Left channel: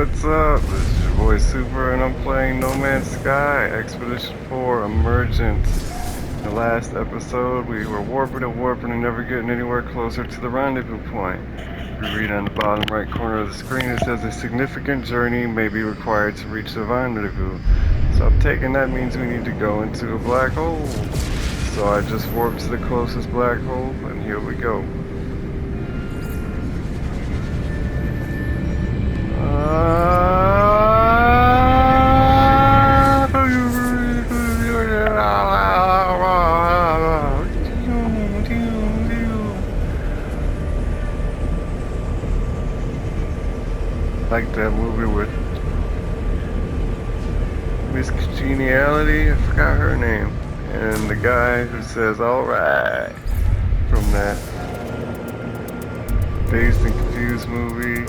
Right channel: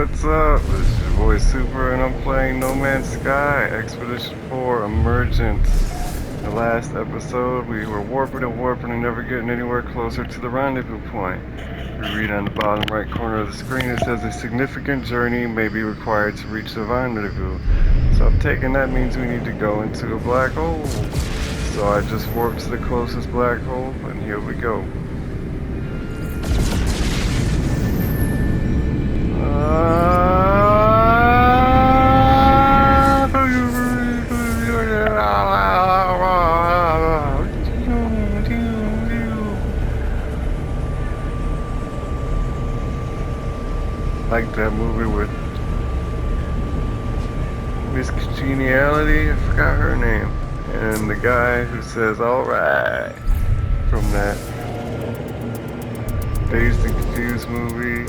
What's up? This is your boy Super, and I'm playing No Man's Sky Expedition 4 Emergence. In the last episode, we were warping and never getting anywhere closer to the rendezvous point. We read on the bottom right corner of the screen, it says a significant journey may be required to reach the rendezvous. So I'm taking that means we need to go into a black hole. So I just warped to the closest black hole, and here we go. Like that movie with Miss Congeniality, I forgot her name, and the guy who says "alright" from that Dazed and Confused movie.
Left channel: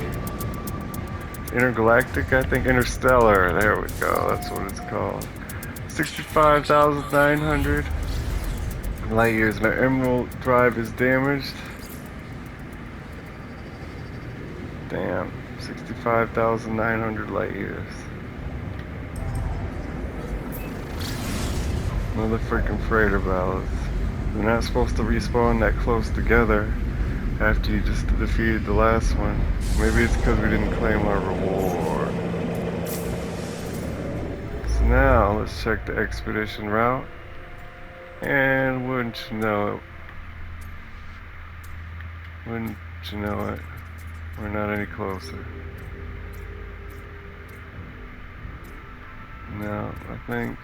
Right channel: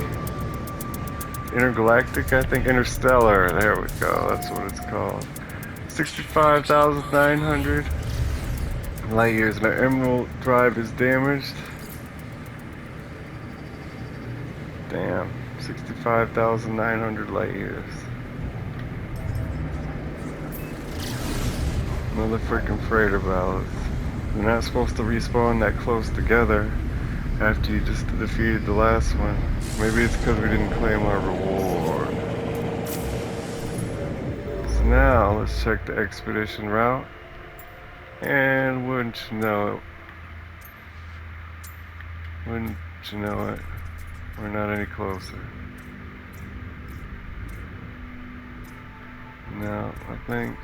Intergalactic, I think. Interstellar. There we go. That's what it's called. 65,900 light years. My emerald drive is damaged. Damn. 65,900 light years. Another freaking freighter ballast. They're not supposed to respawn that close together after you just defeated the last one. Maybe it's because we didn't claim our reward. So now, let's check the expedition route. And wouldn't you know it, we're not any closer. No, I think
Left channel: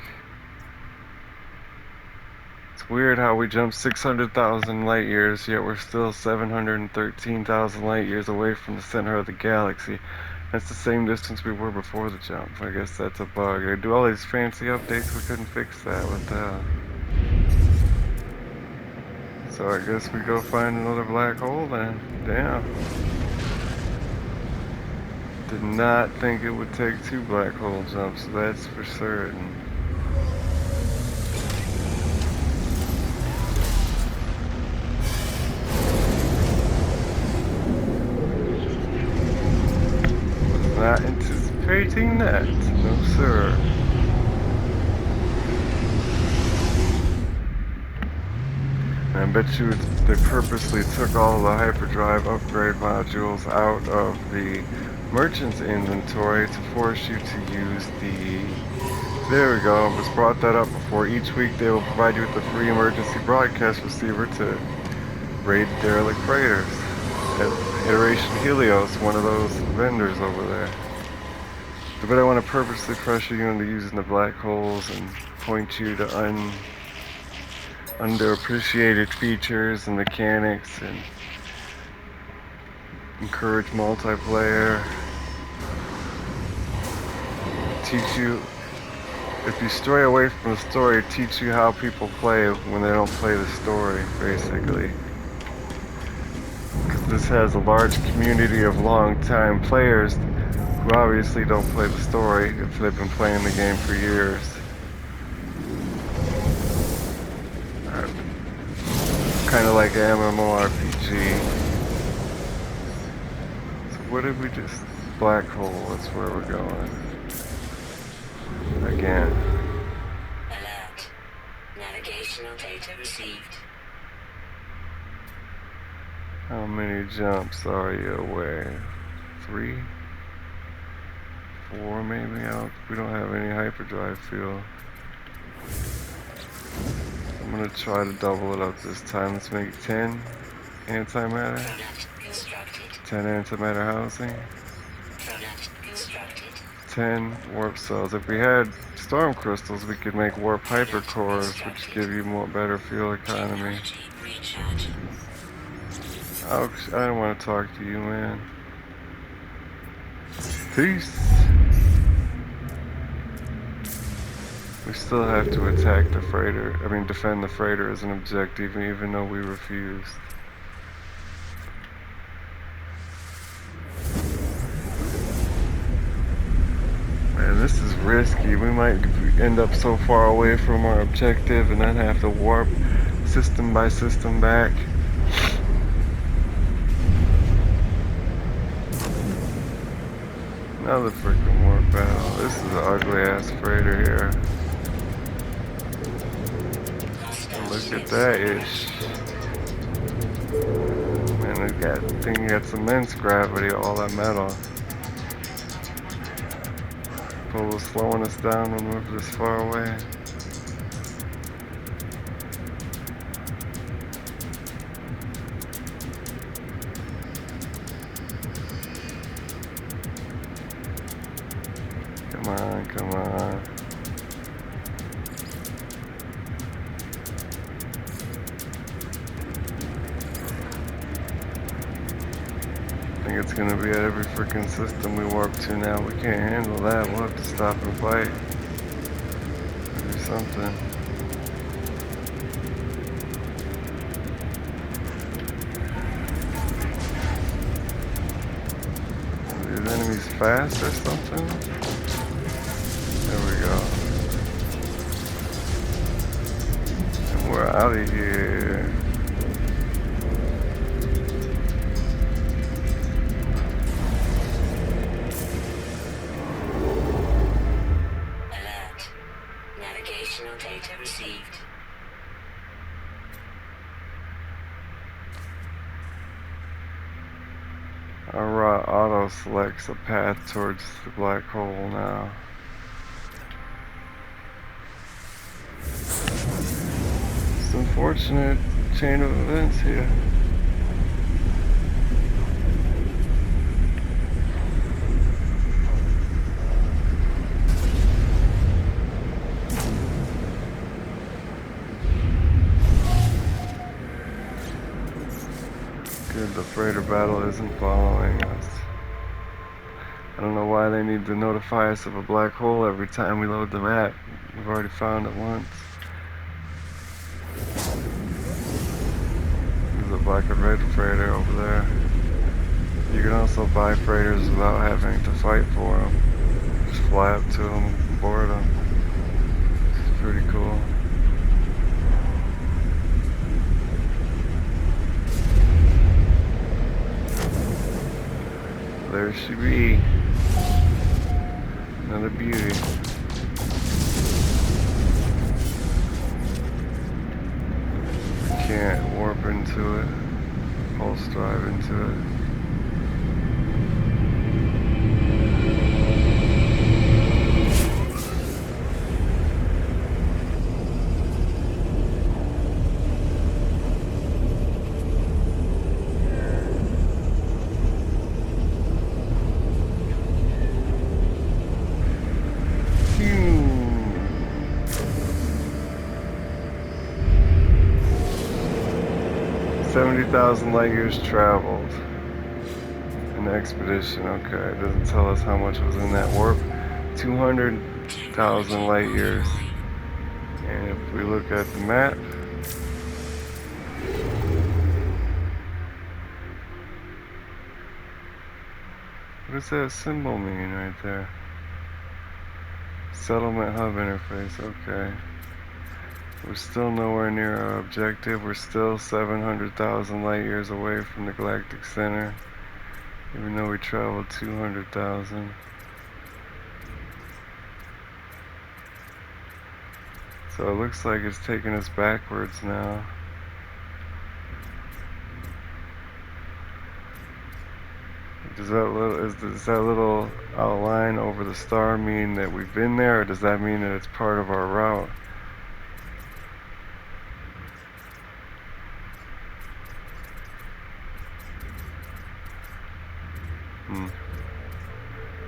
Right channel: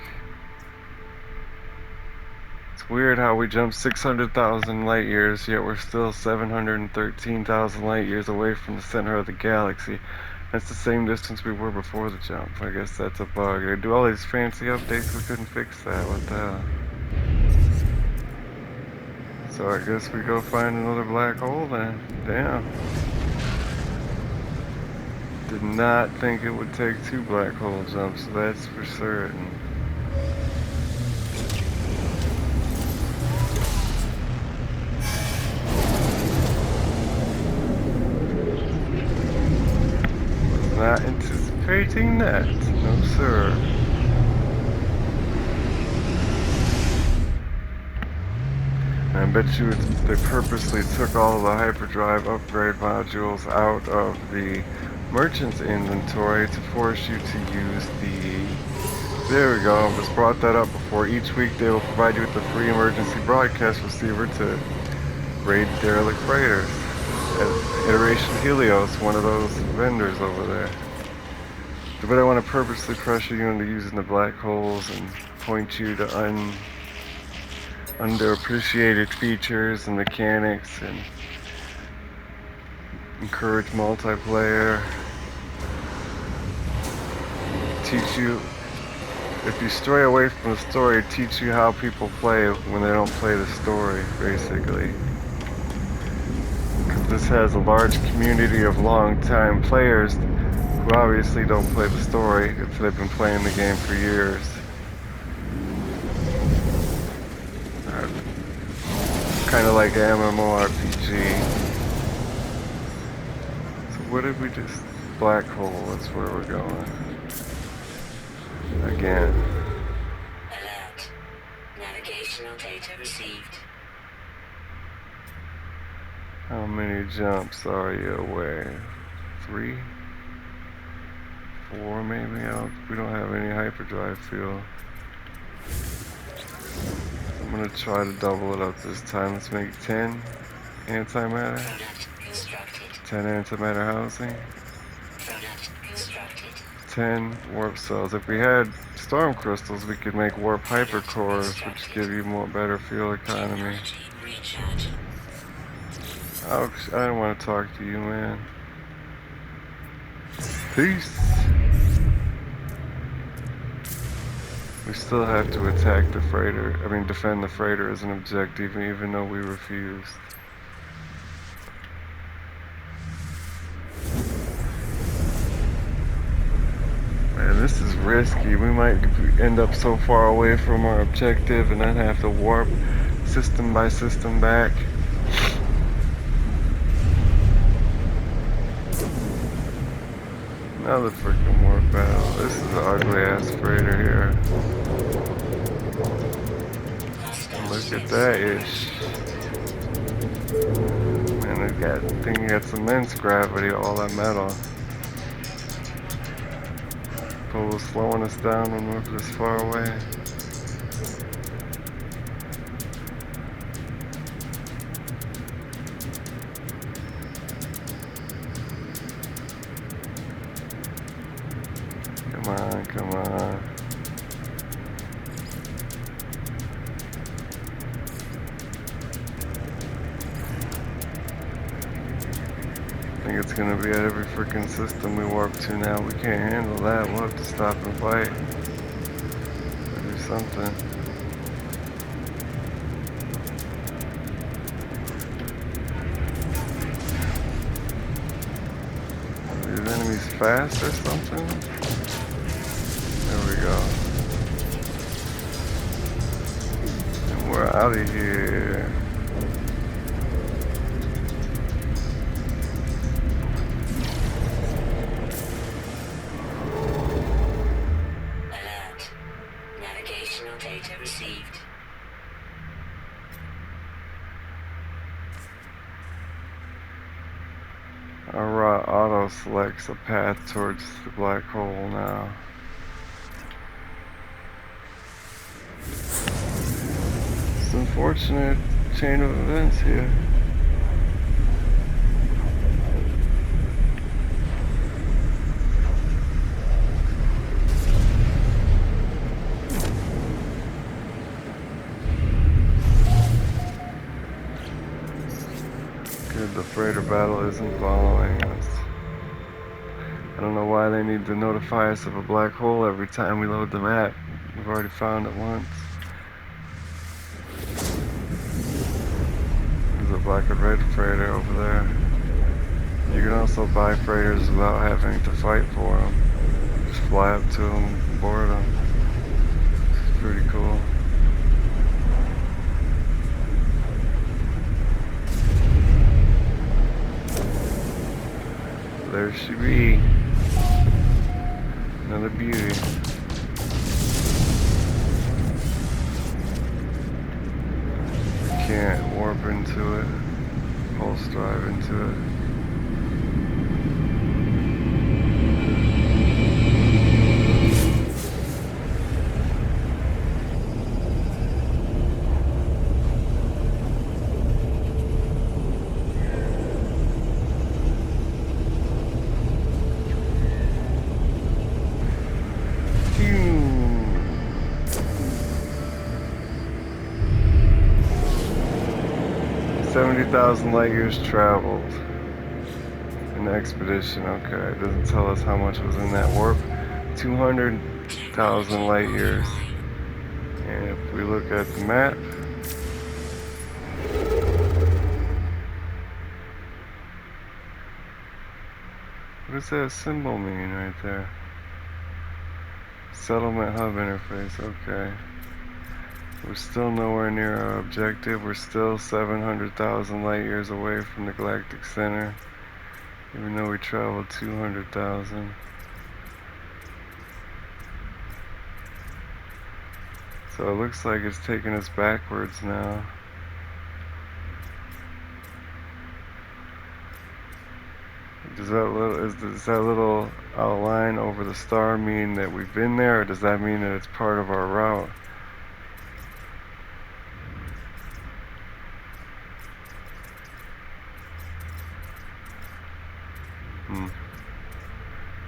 it's weird how we jumped 600,000 light years, yet we're still 713,000 light years away from the center of the galaxy. That's the same distance we were before the jump. I guess that's a bug. They do all these fancy updates, we couldn't fix that. What the hell? So I guess we go find another black hole then. Damn. Did not think it would take 2 black hole jumps, that's for certain. Was not anticipating that. No sir. I bet you they purposely took all the hyperdrive upgrade modules out of the merchant's inventory to force you to use the... There we go, I just brought that up before. Each week they will provide you with a free emergency broadcast receiver to raid derelict freighters. Iteration Helios, one of those vendors over there. But I want to purposely pressure you into using the black holes and point you to underappreciated features and mechanics and encourage multiplayer. Teach you, if you stray away from the story, teach you how people play when they don't play the story, basically. Because this has a large community of long-time players who obviously don't play the story if they've been playing the game for years. Kind of like an MMORPG. So what did we just... Black hole, that's where we're going. Again. Alert. Navigational data received. How many jumps are you away? 3? 4 maybe? We don't have any hyperdrive fuel. I'm gonna try to double it up this time. Let's make 10 antimatter. 10 antimatter housing. 10 warp cells. If we had storm crystals, we could make warp hypercores, which give you better fuel economy. Oh, I don't want to talk to you, man. Peace. We still have to attack the freighter. I mean, defend the freighter as an objective, even though we refused. Man, this is risky. We might end up so far away from our objective and then have to warp system by system back. Another freaking warp battle. This is an ugly ass freighter here. And Hostile look at ships that ish. approaching. Man, that thing gets immense gravity, all that metal. Probably slowing us down when we're this far away. Come on, come on. I think it's gonna be at every freaking system we warp to now. We can't handle that. We'll have to stop and fight. Or do something. Are these enemies fast or something? There we go. And we're out of here. Alert. Navigational data received. Our auto selects a path towards the black hole now. It's an unfortunate chain of events here. Good, the freighter battle isn't following us. I don't know why they need to notify us of a black hole every time we load the map. We've already found it once. There's a black and red freighter over there. You can also buy freighters without having to fight for them. Just fly up to them and board them. It's pretty cool. There she be. Another beauty. We can't warp into it. Pulse drive into it. Phew. 70,000 light years traveled. An expedition, okay. It doesn't tell us how much was in that warp. 200,000 light years. And if we look at the map, what does that symbol mean right there? Settlement hub interface, okay. We're still nowhere near our objective. We're still 700,000 light years away from the galactic center, even though we traveled 200,000. So it looks like it's taking us backwards now. Does that little outline over the star mean that we've been there, or does that mean that it's part of our route?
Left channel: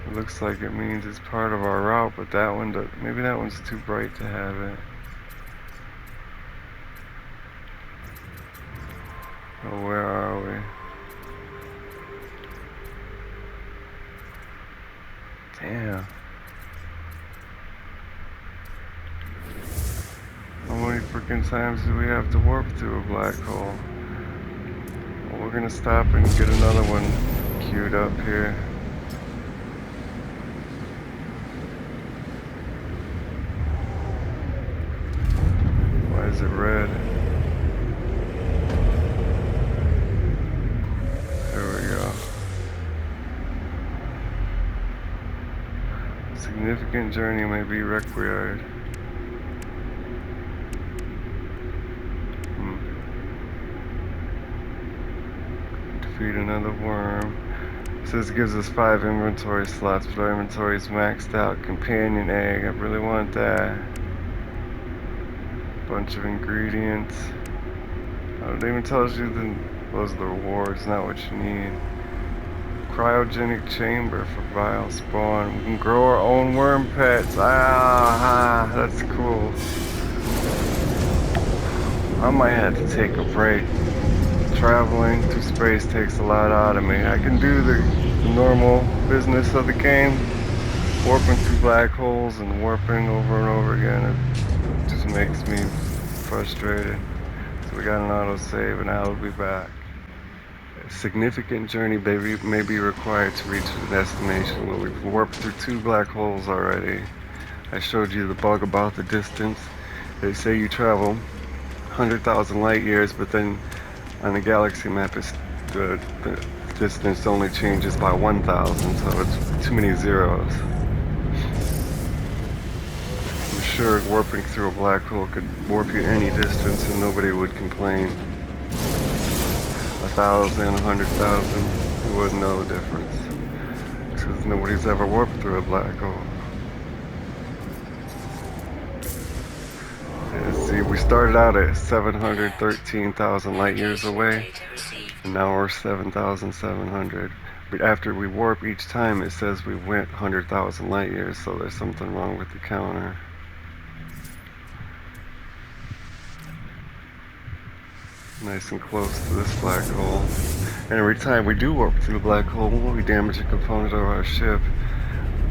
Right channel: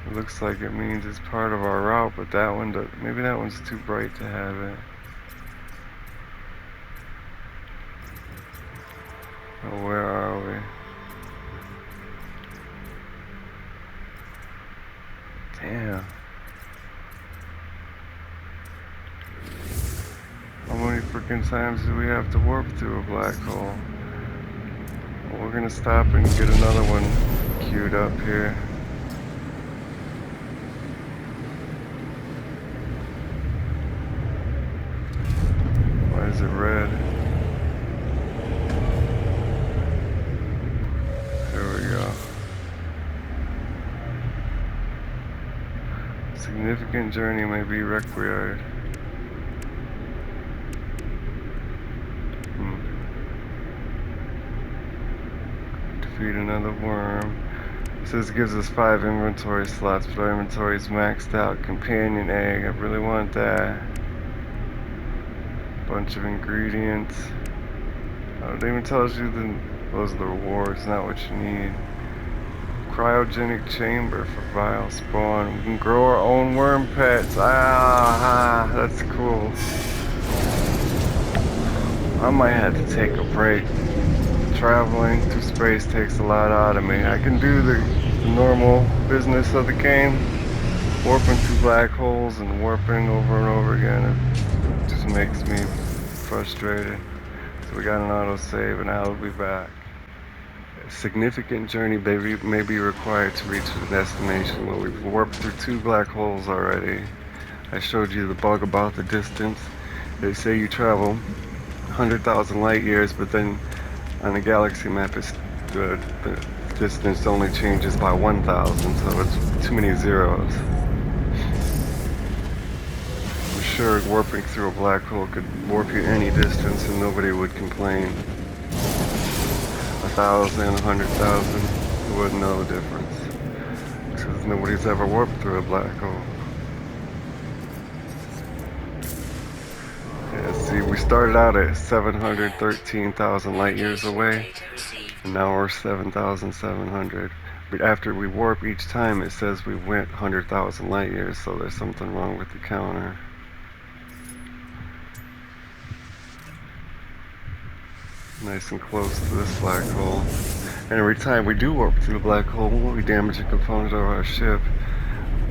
It looks like it means it's part of our route, but that one, maybe that one's too bright to have it. Oh, where are we? Damn. How many freaking times do we have to warp through a black hole? Well, we're gonna stop and get another one queued up here. Why is it red? There we go. Significant journey may be required. Defeat another worm. It says it gives us 5 inventory slots, but our inventory is maxed out. Companion egg, I really want that. Bunch of ingredients. Oh, it even tells you those are the rewards, not what you need. Cryogenic chamber for vile spawn. We can grow our own worm pets. That's cool. I might have to take a break. Traveling through space takes a lot out of me. I can do the normal business of the game, warping through black holes and warping over and over again. It just makes me frustrated. So we got an autosave and I'll be back. A significant journey may be required to reach the destination. Well, we've warped through 2 black holes already. I showed you the bug about the distance. They say you travel 100,000 light years, but then on the galaxy map, the distance only changes by 1,000, so it's too many zeros. I'm sure warping through a black hole could warp you any distance and nobody would complain. 1,000, 100,000, you wouldn't know the difference. Because nobody's ever warped through a black hole. Yeah, see, we started out at 713,000 light years away, and now we're 7,700. But after we warp each time, it says we went 100,000 light years, so there's something wrong with the counter. Nice and close to this black hole. And every time we do warp through the black hole, we damage a component of our ship.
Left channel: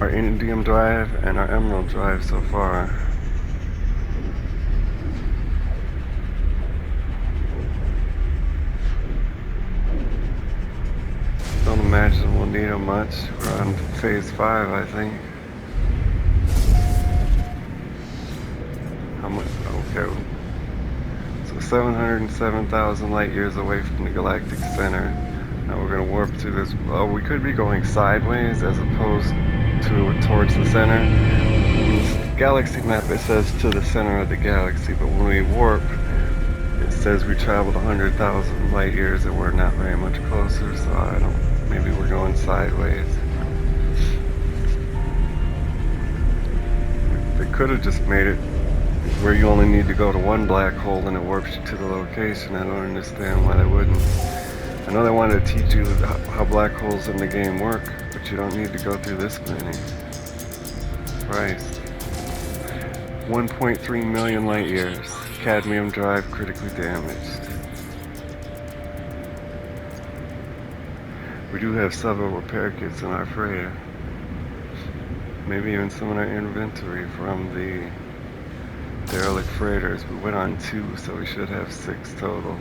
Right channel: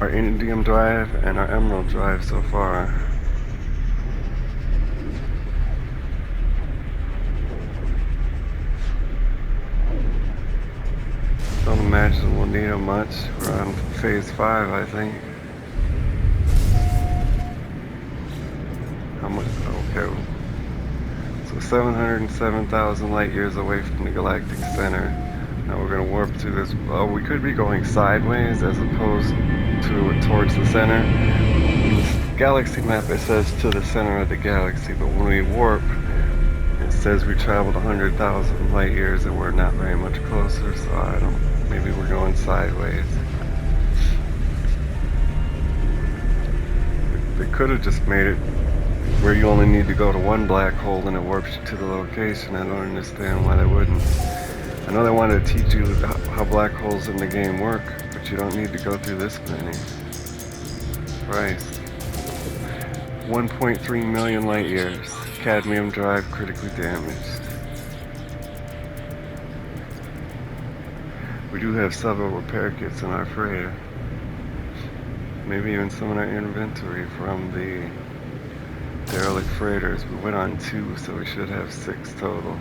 Our indium drive and our emerald drive so far. Don't imagine we'll need them much. We're on phase 5, I think. How much? Okay. So 707,000 light years away from the galactic center. Now we're going to warp through this. Well, we could be going sideways as opposed to towards the center. In the galaxy map, it says to the center of the galaxy, but when we warp, it says we traveled 100,000 light years and we're not very much closer, so I don't. Maybe we're going sideways. They could have just made it where you only need to go to one black hole and it warps you to the location. I don't understand why they wouldn't. I know they wanted to teach you how black holes in the game work, but you don't need to go through this many. Christ. 1.3 million light years. Cadmium drive critically damaged. We do have several repair kits in our freighter. Maybe even some in our inventory from the derelict freighters. We went on 2, so we should have 6 total.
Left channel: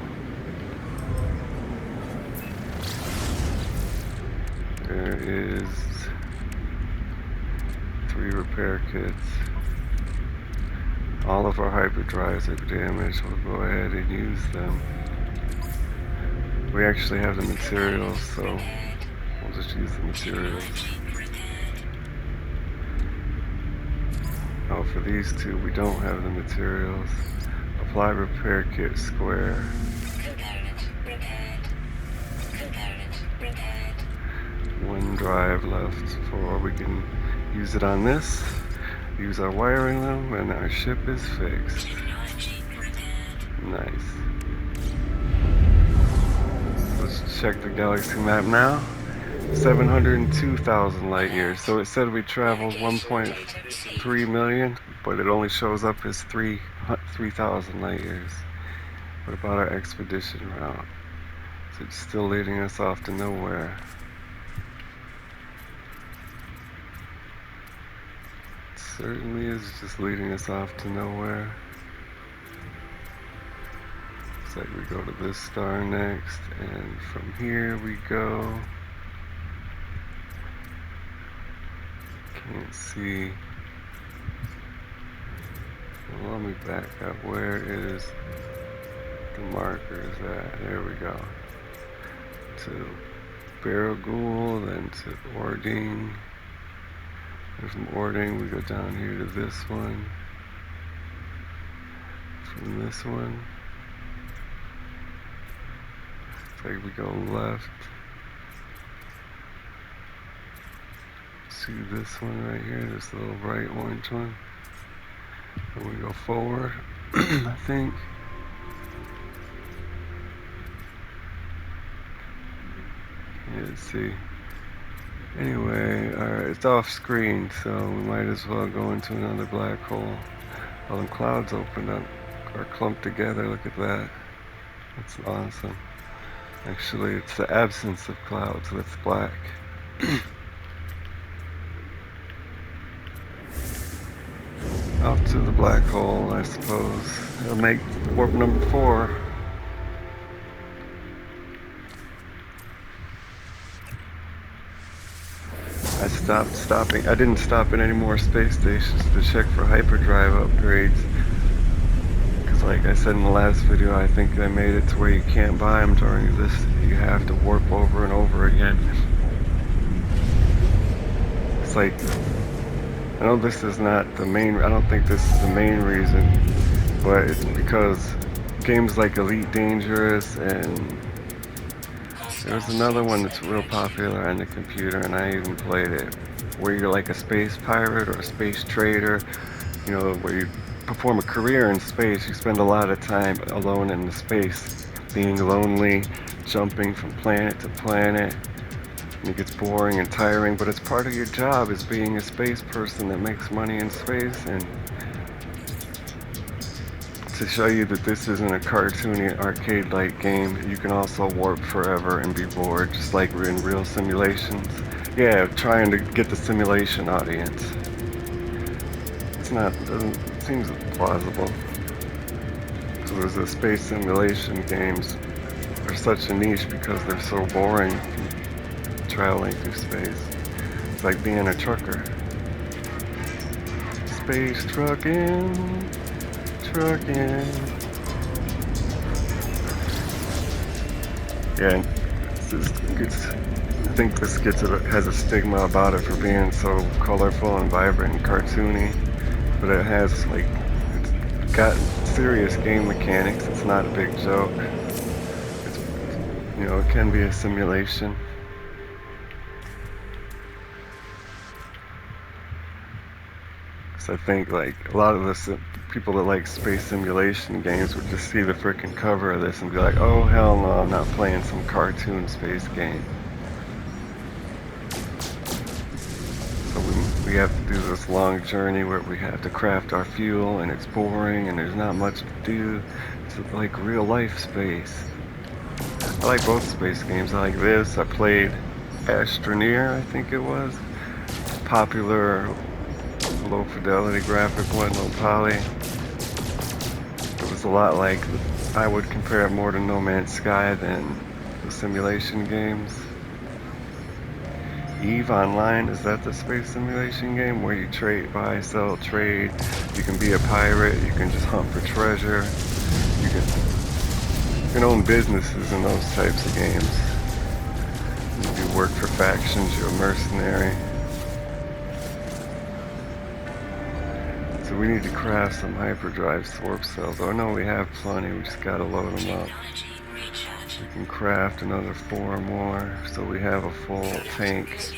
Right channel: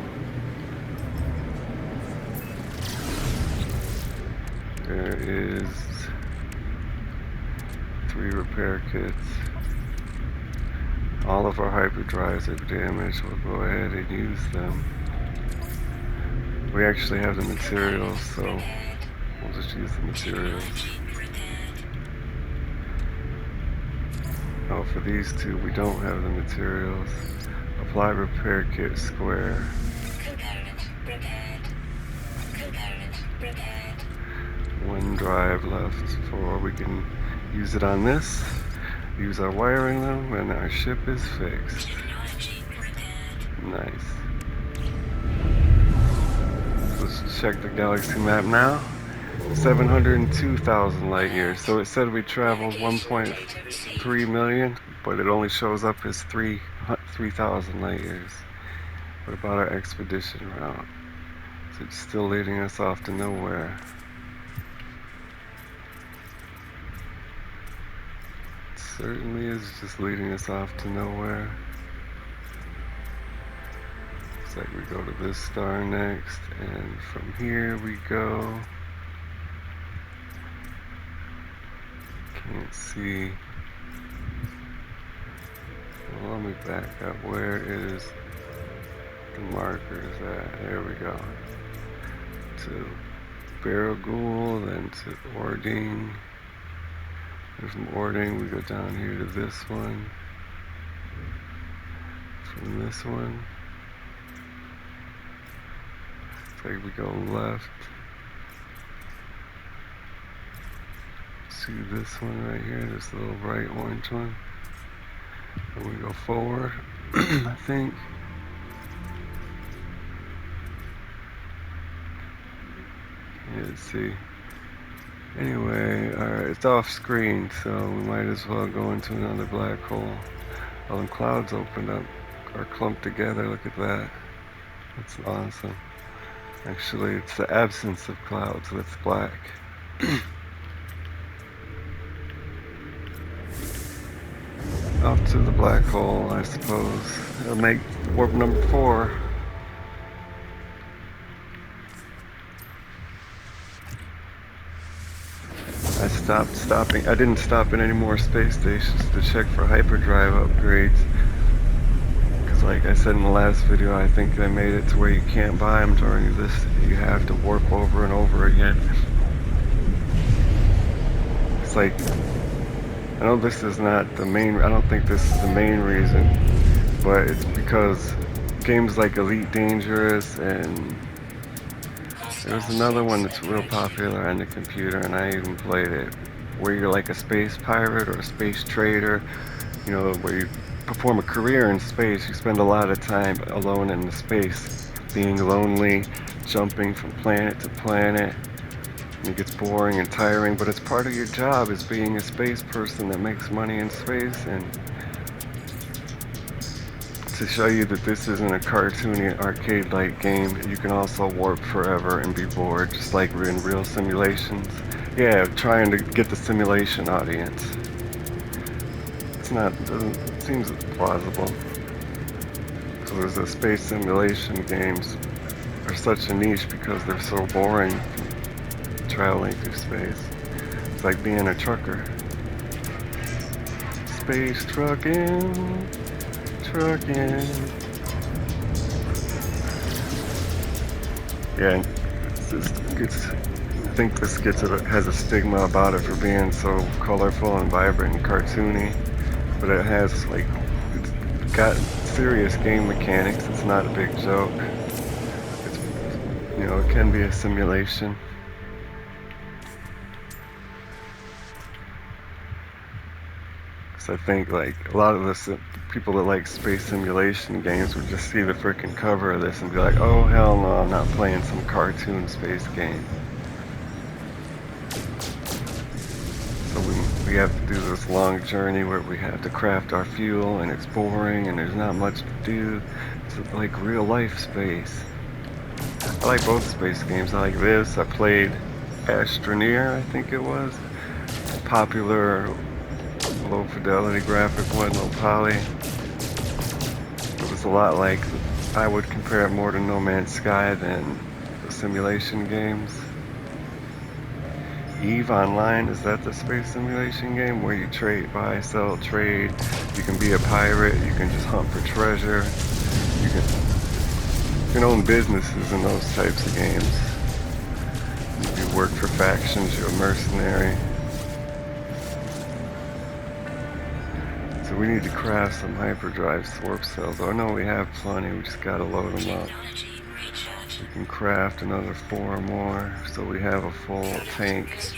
There is 3 repair kits. All of our hyperdrives are damaged. We'll go ahead and use them. We actually have the materials, so we'll just use the materials. Oh, for these 2, we don't have the materials. Apply repair kit square. One drive left for we can use it on this. Use our wiring though, and our ship is fixed. Nice. Let's check the galaxy map now. 702,000 light years. So it said we traveled 1.3 million, but it only shows up as 3,000 light years. What about our expedition route? So it's still leading us off to nowhere. It certainly is just leading us off to nowhere. Looks like we go to this star next, and from here we go. Can't see. Well, let me back up. Where is the markers at? There we go. To Baragul, then to Ordine. There's some ordering. We go down here to this one. From this one. It's like we go left. See this one right here, this little bright orange one. And we go forward, I think. Yeah, let's see. Anyway, alright, it's off screen, so we might as well go into another black hole. All them clouds opened up, are clumped together, look at that. That's awesome. Actually, it's the absence of clouds that's black. Off to the black hole, I suppose. It'll make warp number 4. I didn't stop at any more space stations to check for hyperdrive upgrades. Because like I said in the last video, I think they made it to where you can't buy them during this. You have to warp over and over again. It's like, I know this is not the main, I don't think this is the main reason, but it's because games like Elite Dangerous and there's another one that's real popular on the computer, and I even played it, where you're like a space pirate or a space trader, you know, where you perform a career in space. You spend a lot of time alone in the space, being lonely, jumping from planet to planet, and it gets boring and tiring, but it's part of your job as being a space person that makes money in space. And to show you that this isn't a cartoony arcade-like game, you can also warp forever and be bored, just like in real simulations. Yeah, trying to get the simulation audience. It's not, it seems plausible. So there's the space simulation games are such a niche because they're so boring traveling through space. It's like being a trucker. Space trucking. Yeah, I think this has a stigma about it for being so colorful and vibrant and cartoony, but it has like, it's got serious game mechanics. It's not a big joke. It's, you know, it can be a simulation. I think like a lot of the people that like space simulation games would just see the freaking cover of this and be like, oh hell no, I'm not playing some cartoon space game. So we have to do this long journey where we have to craft our fuel, and it's boring and there's not much to do. It's like real life space. I like both space games. I like this. I played Astroneer, I think it was. Popular low fidelity graphic one, low poly. It was a lot like, I would compare it more to No Man's Sky than the simulation games. EVE Online, is that the space simulation game where you trade, buy, sell, trade? You can be a pirate, you can just hunt for treasure, you can own businesses in those types of games. You work for factions, you're a mercenary. So we need to craft some hyperdrive warp cells. Oh no, we have plenty, we just gotta load them up. We can craft another 4 more, so we have a full tank.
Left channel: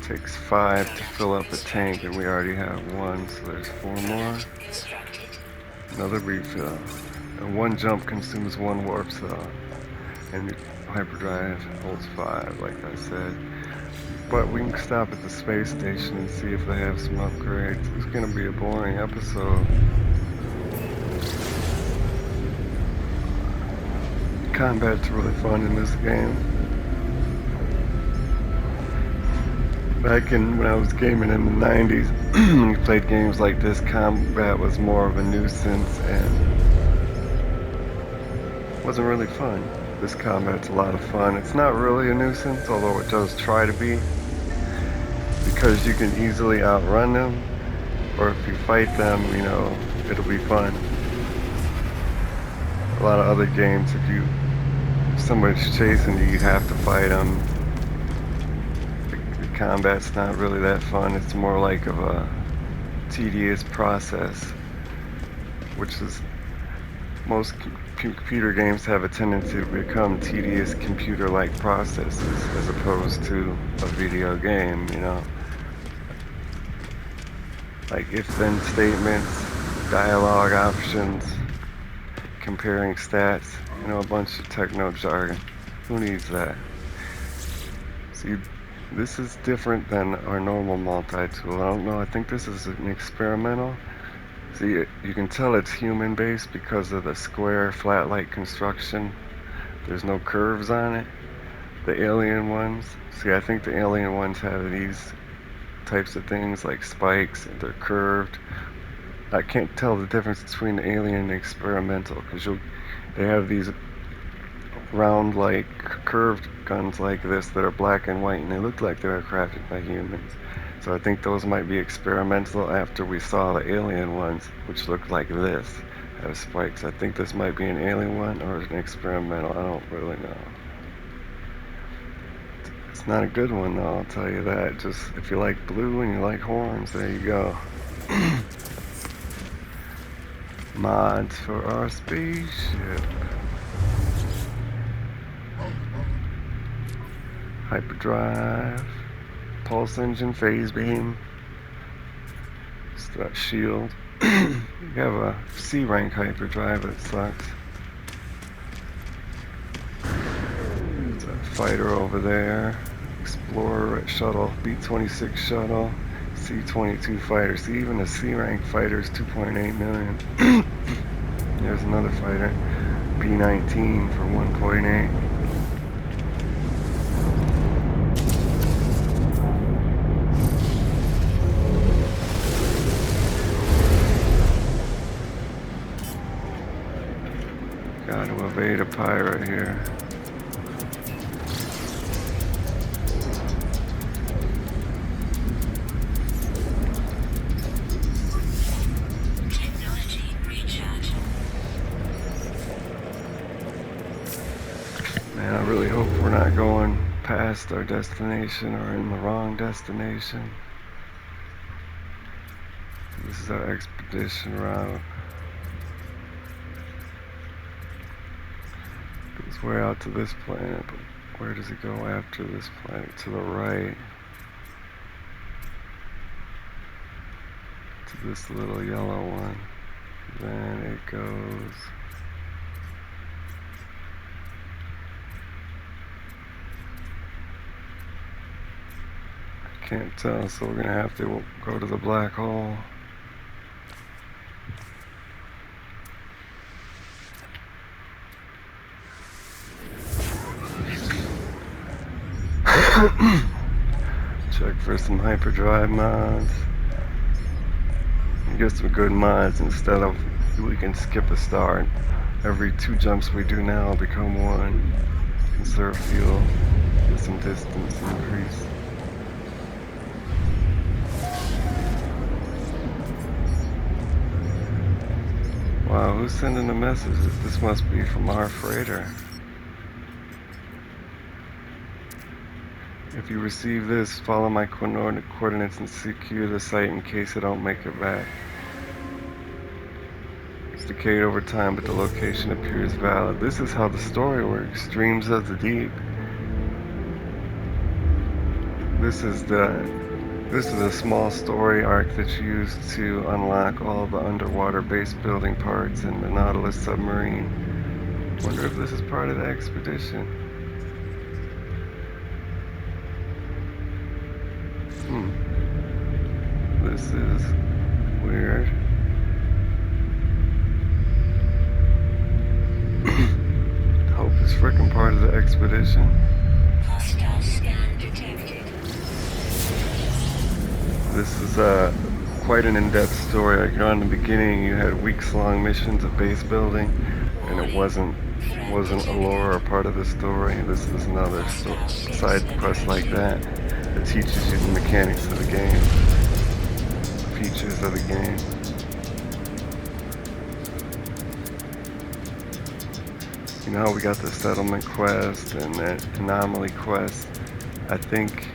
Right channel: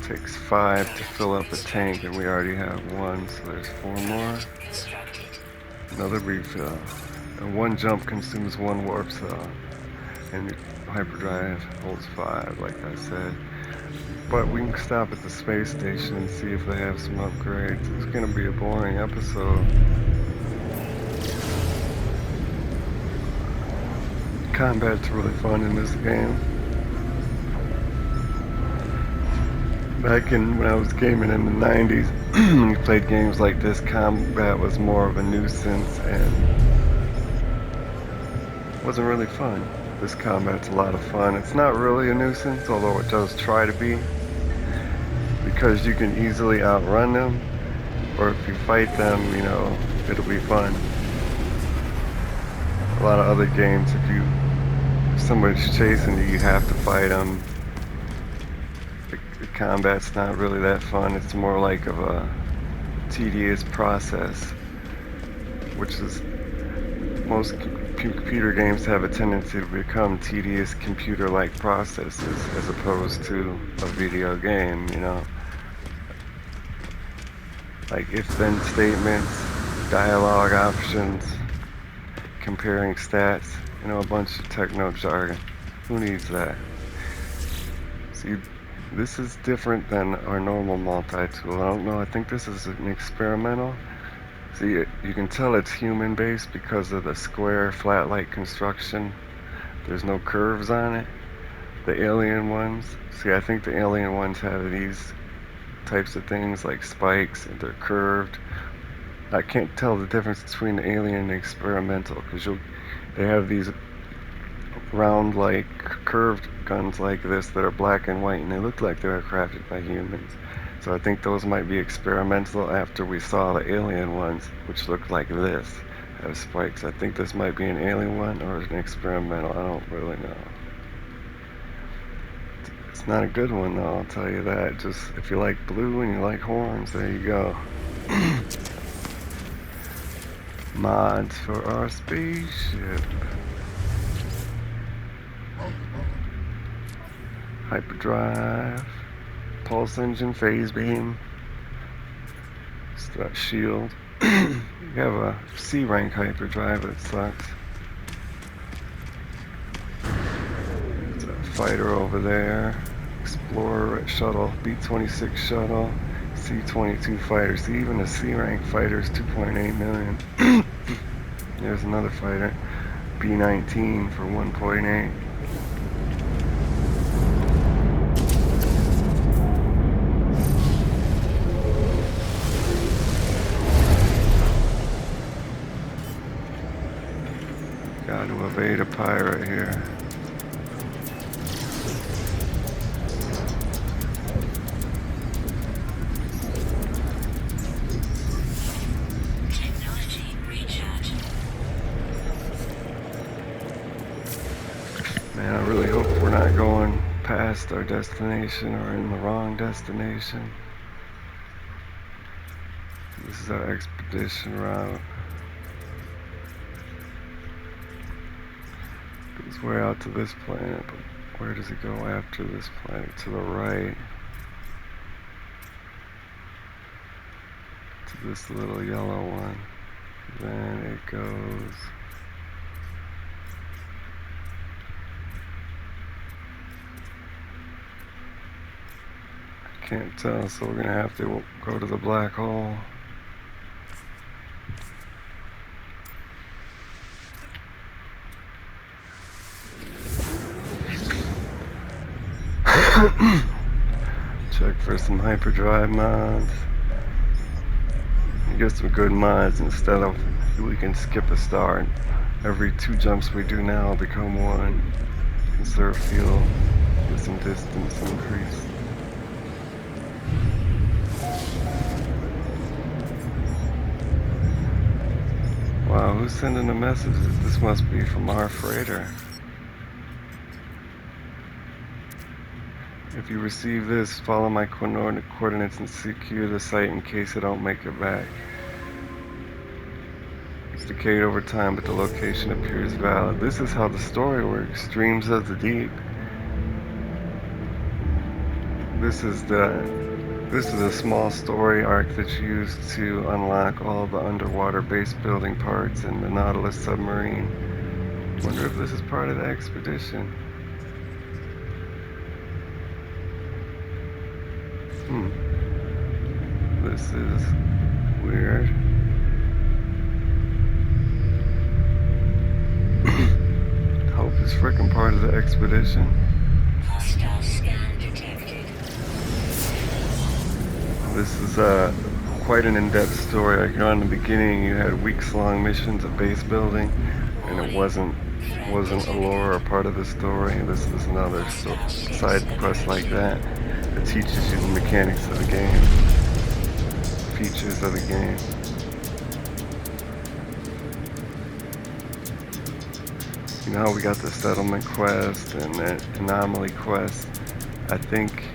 It takes 5 to fill up a tank, and we already have 1, so there's 4 more. Another refill. And 1 jump consumes 1 warp cell, and the hyperdrive holds 5, like I said. But we can stop at the space station and see if they have some upgrades. It's gonna be a boring episode. Combat's really fun in this game. Back when I was gaming in the 90s, when you played games like this, combat was more of a nuisance and wasn't really fun. This combat's a lot of fun. It's not really a nuisance, although it does try to be, because you can easily outrun them, or if you fight them, you know, it'll be fun. A lot of other games, if somebody's chasing you, you have to fight them. It combat's not really that fun. It's more like of a tedious process, which is most computer games have a tendency to become tedious computer-like processes as opposed to a video game, you know. Like if-then statements, dialogue options, comparing stats, you know, a bunch of techno jargon. Who needs that? See, this is different than our normal multi-tool. I don't know, I think this is an experimental. See, you can tell it's human-based because of the square, flat-like construction. There's no curves on it. The alien ones, see, I think the alien ones have these types of things like spikes, and they're curved. I can't tell the difference between the alien and the experimental because they have these round, like curved guns like this that are black and white, and they look like they were crafted by humans. So I think those might be experimental after we saw the alien ones, which looked like this, have spikes. I think this might be an alien one or an experimental. I don't really know. It's not a good one though, I'll tell you that. Just if you like blue and you like horns, there you go. Mods for our spaceship. Hyperdrive, pulse engine, phase beam, strut shield. You have a C rank hyperdrive that sucks. There's a fighter over there, explorer shuttle, B-26 shuttle, C-22 fighter. See, even a C rank fighter is 2.8 million. There's another fighter, B-19 for 1.8. Got to evade a pirate here. Technology recharge. Man, I really hope we're not going past our destination or in the wrong destination. This is our expedition route. Goes way out to this planet, but where does it go after this planet? To the right. To this little yellow one. Then it goes... I can't tell, so we're gonna have to go to the black hole. Check for some hyperdrive mods. You get some good mods instead of we can skip a star. Every 2 jumps we do now become 1. Conserve fuel. Get some distance increase. Wow, who's sending the messages? This must be from our freighter. If you receive this, follow my coordinates and secure the site in case I don't make it back. It's decayed over time, but the location appears valid. This is how the story works. Streams of the deep. This is a small story arc that's used to unlock all the underwater base building parts in the Nautilus submarine. Wonder if this is part of the expedition. This is weird. Hope is frickin' part of the expedition. Hostile scan detected. This is quite an in-depth story. Like, you know, in the beginning, you had weeks-long missions of base building, and it wasn't a lore or part of the story. This is another side quest like that teaches you the mechanics of the game, the features of the game. You know how we got the settlement quest and that anomaly quest? I think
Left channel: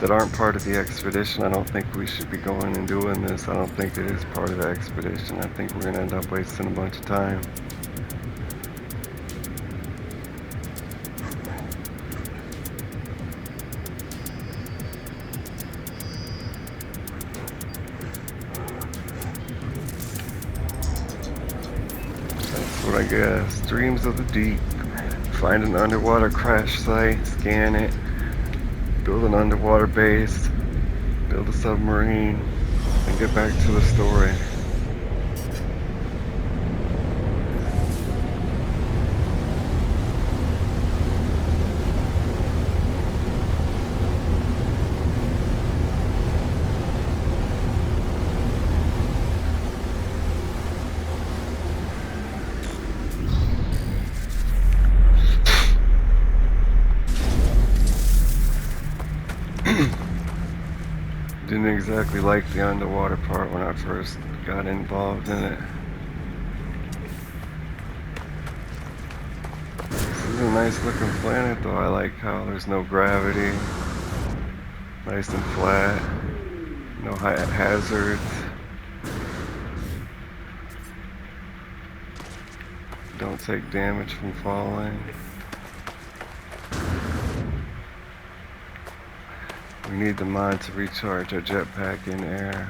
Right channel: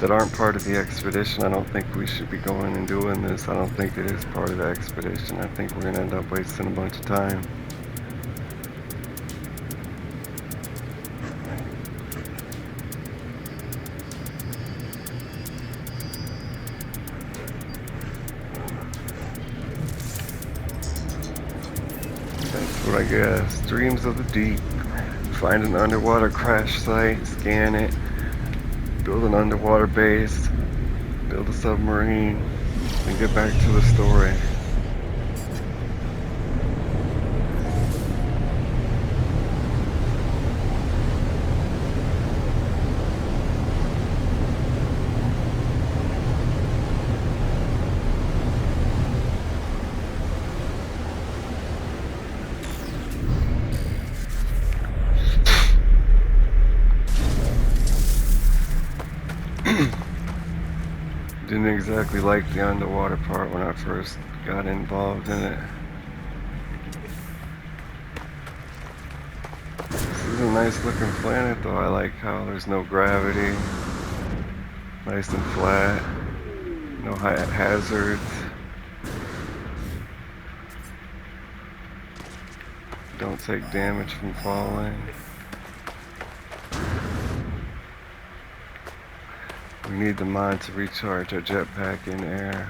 that aren't part of the expedition. I don't think we should be going and doing this. I don't think it is part of the expedition. I think we're gonna end up wasting a bunch of time. That's what I guess. Dreams of the deep. Find an underwater crash site, scan it, build an underwater base, build a submarine, and get back to the story. Didn't exactly like the underwater part when I first got involved in it. This is a nice looking planet though. I like how there's no gravity. Nice and flat. No hazards. Don't take damage from falling. We need the mod to recharge our jetpack in air.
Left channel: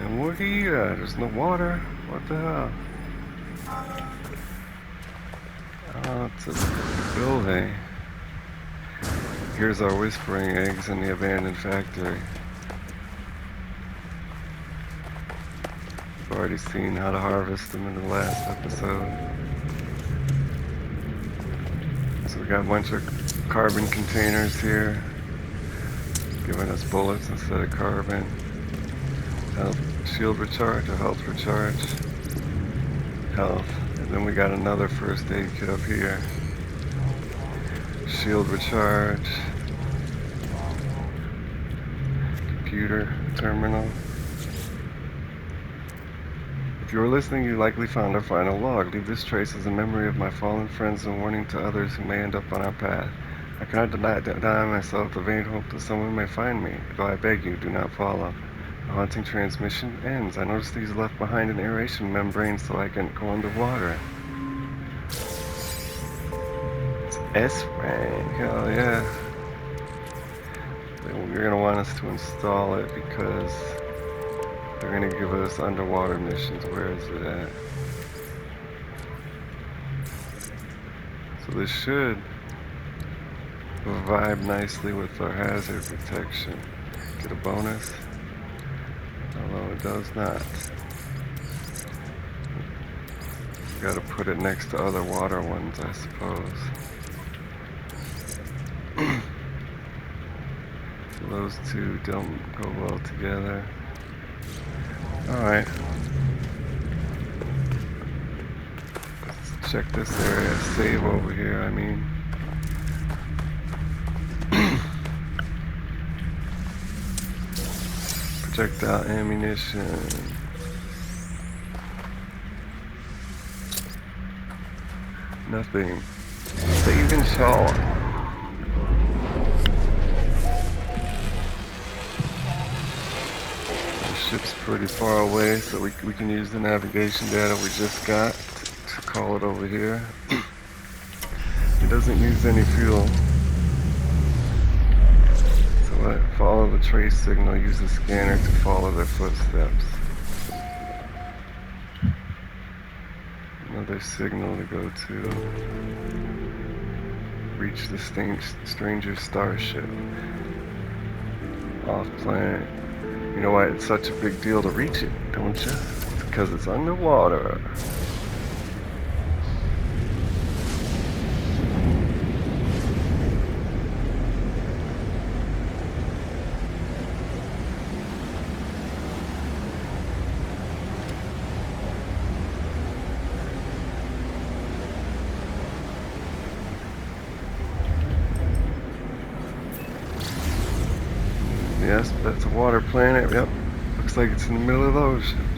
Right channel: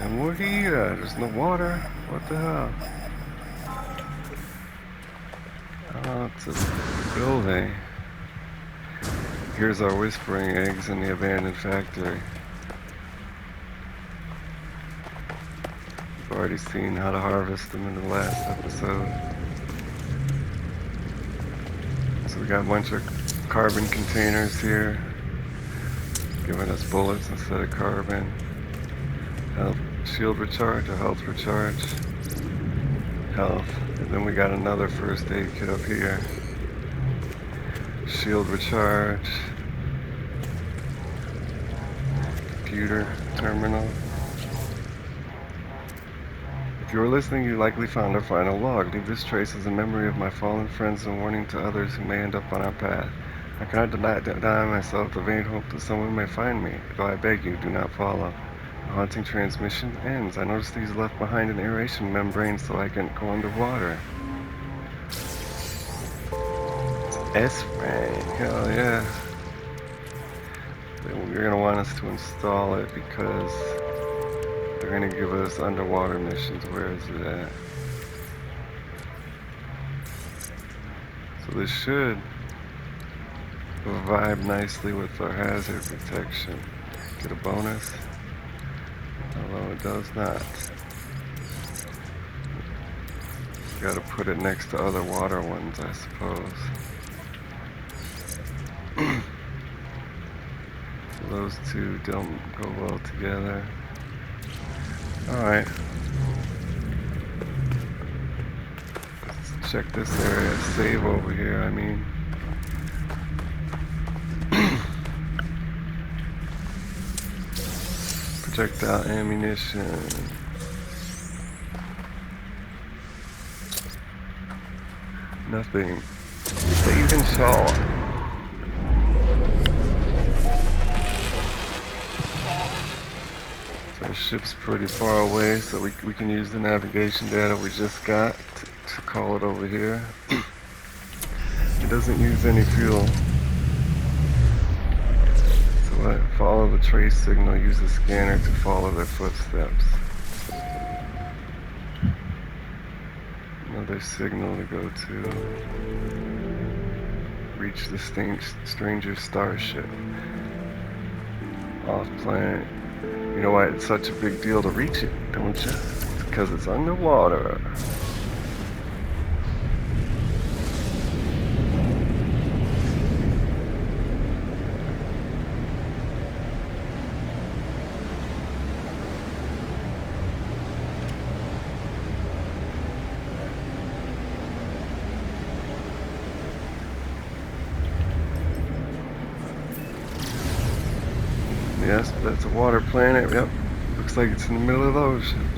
And we're here. There's no water. What the hell? Oh, it's a building. Here's our whispering eggs in the abandoned factory. We've already seen how to harvest them in the last episode. So we got a bunch of carbon containers here, giving us bullets instead of carbon. Health, shield recharge or health recharge. Health. And then we got another first aid kit up here. Shield recharge. Computer terminal. If you were listening, you likely found our final log. Leave this trace as a memory of my fallen friends and warning to others who may end up on our path. I cannot deny myself the vain hope that someone may find me, though I beg you, do not follow. The haunting transmission ends. I noticed these left behind an aeration membrane so I can go underwater. It's S-Rank, hell yeah. You're going to want us to install it because they're going to give us underwater missions. Where is it at? So this should vibe nicely with our hazard protection. Get a bonus. Although it does not. Got to put it next to other water ones, I suppose. So those two don't go well together. Alright. Let's check this area. Save over here, I mean. Projectile ammunition. Nothing. Save and shot. The ship's pretty far away, so we can use the navigation data we just got to call it over here. It doesn't use any fuel. So follow the trace signal, use the scanner to follow their footsteps. Another signal to go to. Reach the stranger starship. Off planet. You know why it's such a big deal to reach it, don't you? It's because it's underwater. Yes, that's a water planet. Yep. Looks like it's in the middle of the ocean.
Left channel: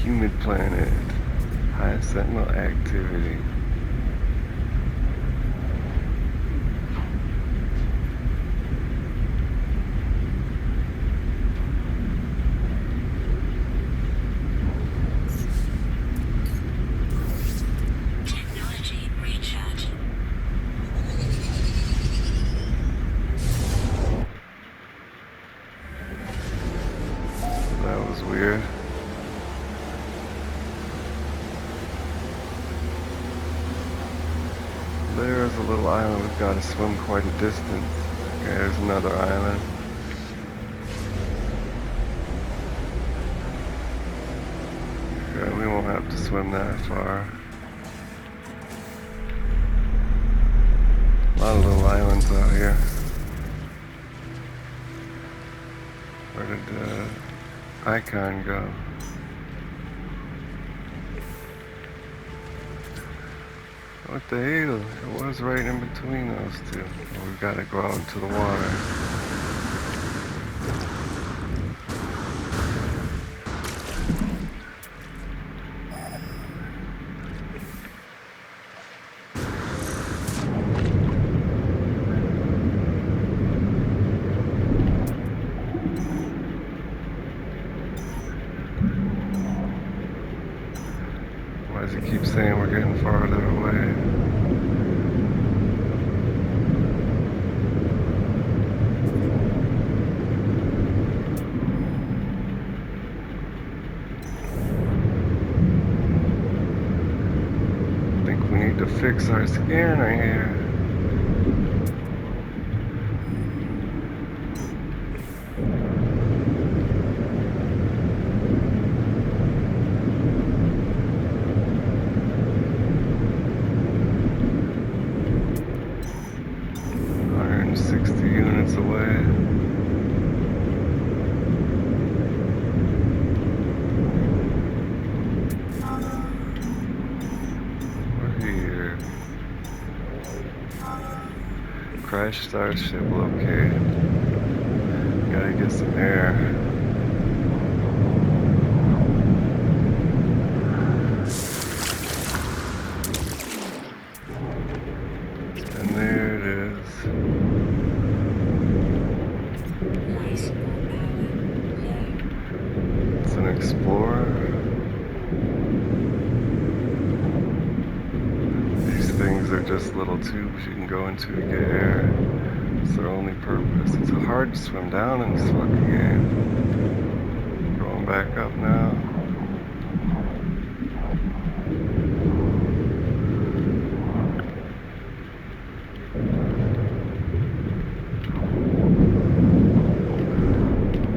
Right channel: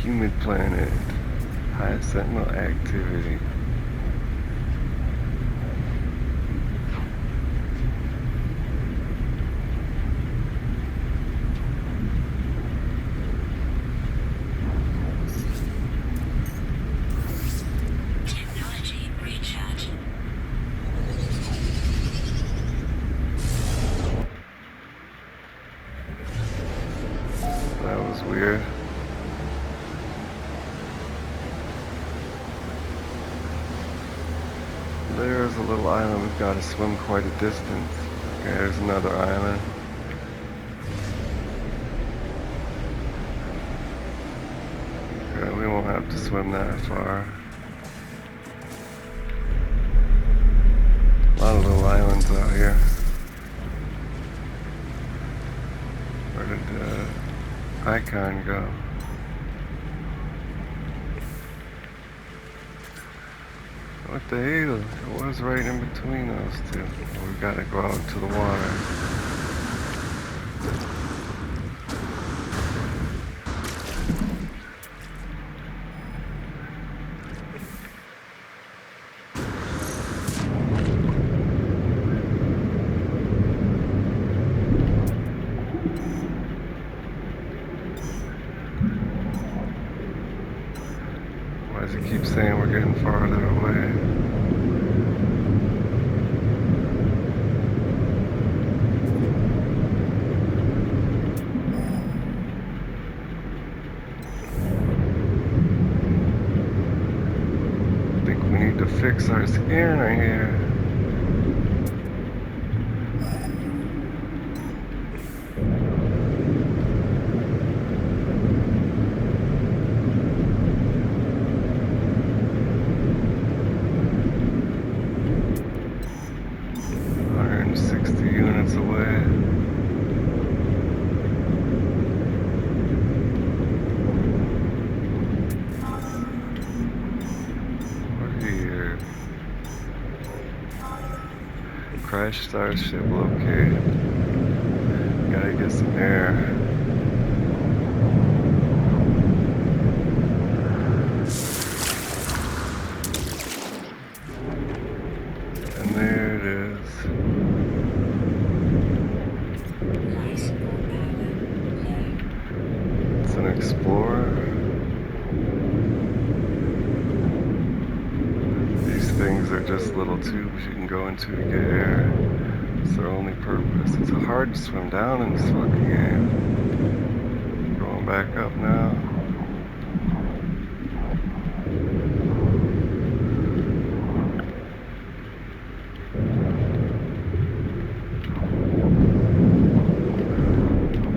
Humid planet. High sentinel activity. There's a little island. We've got to swim quite a distance. Okay, there's another island. Okay, we won't have to swim that far. A lot of little islands out here. Where did the icon go? What the hell? It was right in between those two. Well, we gotta go out into the water. Why does it keep saying we're getting farther away? I think we need to fix our scanner here. Units away. We're here. Crash starship located. Gotta get some air. And there it is. It's an explorer. These things are just little tubes you can go into to get air. It's their only purpose. It's hard to swim down in this fucking game. Going back up now.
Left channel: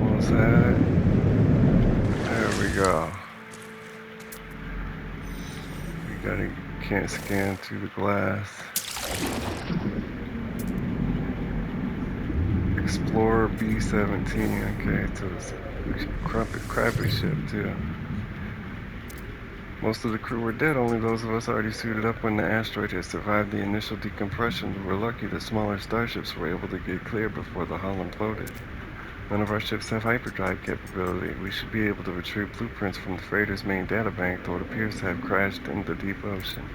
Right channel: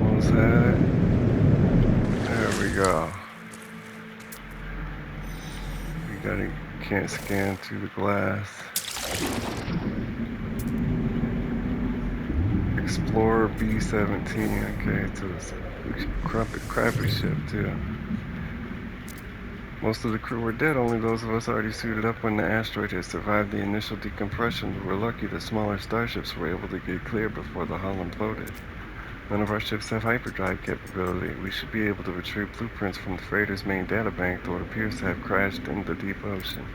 Almost had it. There we go. Can't scan through the glass. Explorer B-17. Okay, it's a crappy ship too. Most of the crew were dead, only those of us already suited up when the asteroid had survived the initial decompression. We were lucky that smaller starships were able to get clear before the hull imploded. None of our ships have hyperdrive capability. We should be able to retrieve blueprints from the freighter's main databank, though it appears to have crashed in the deep ocean.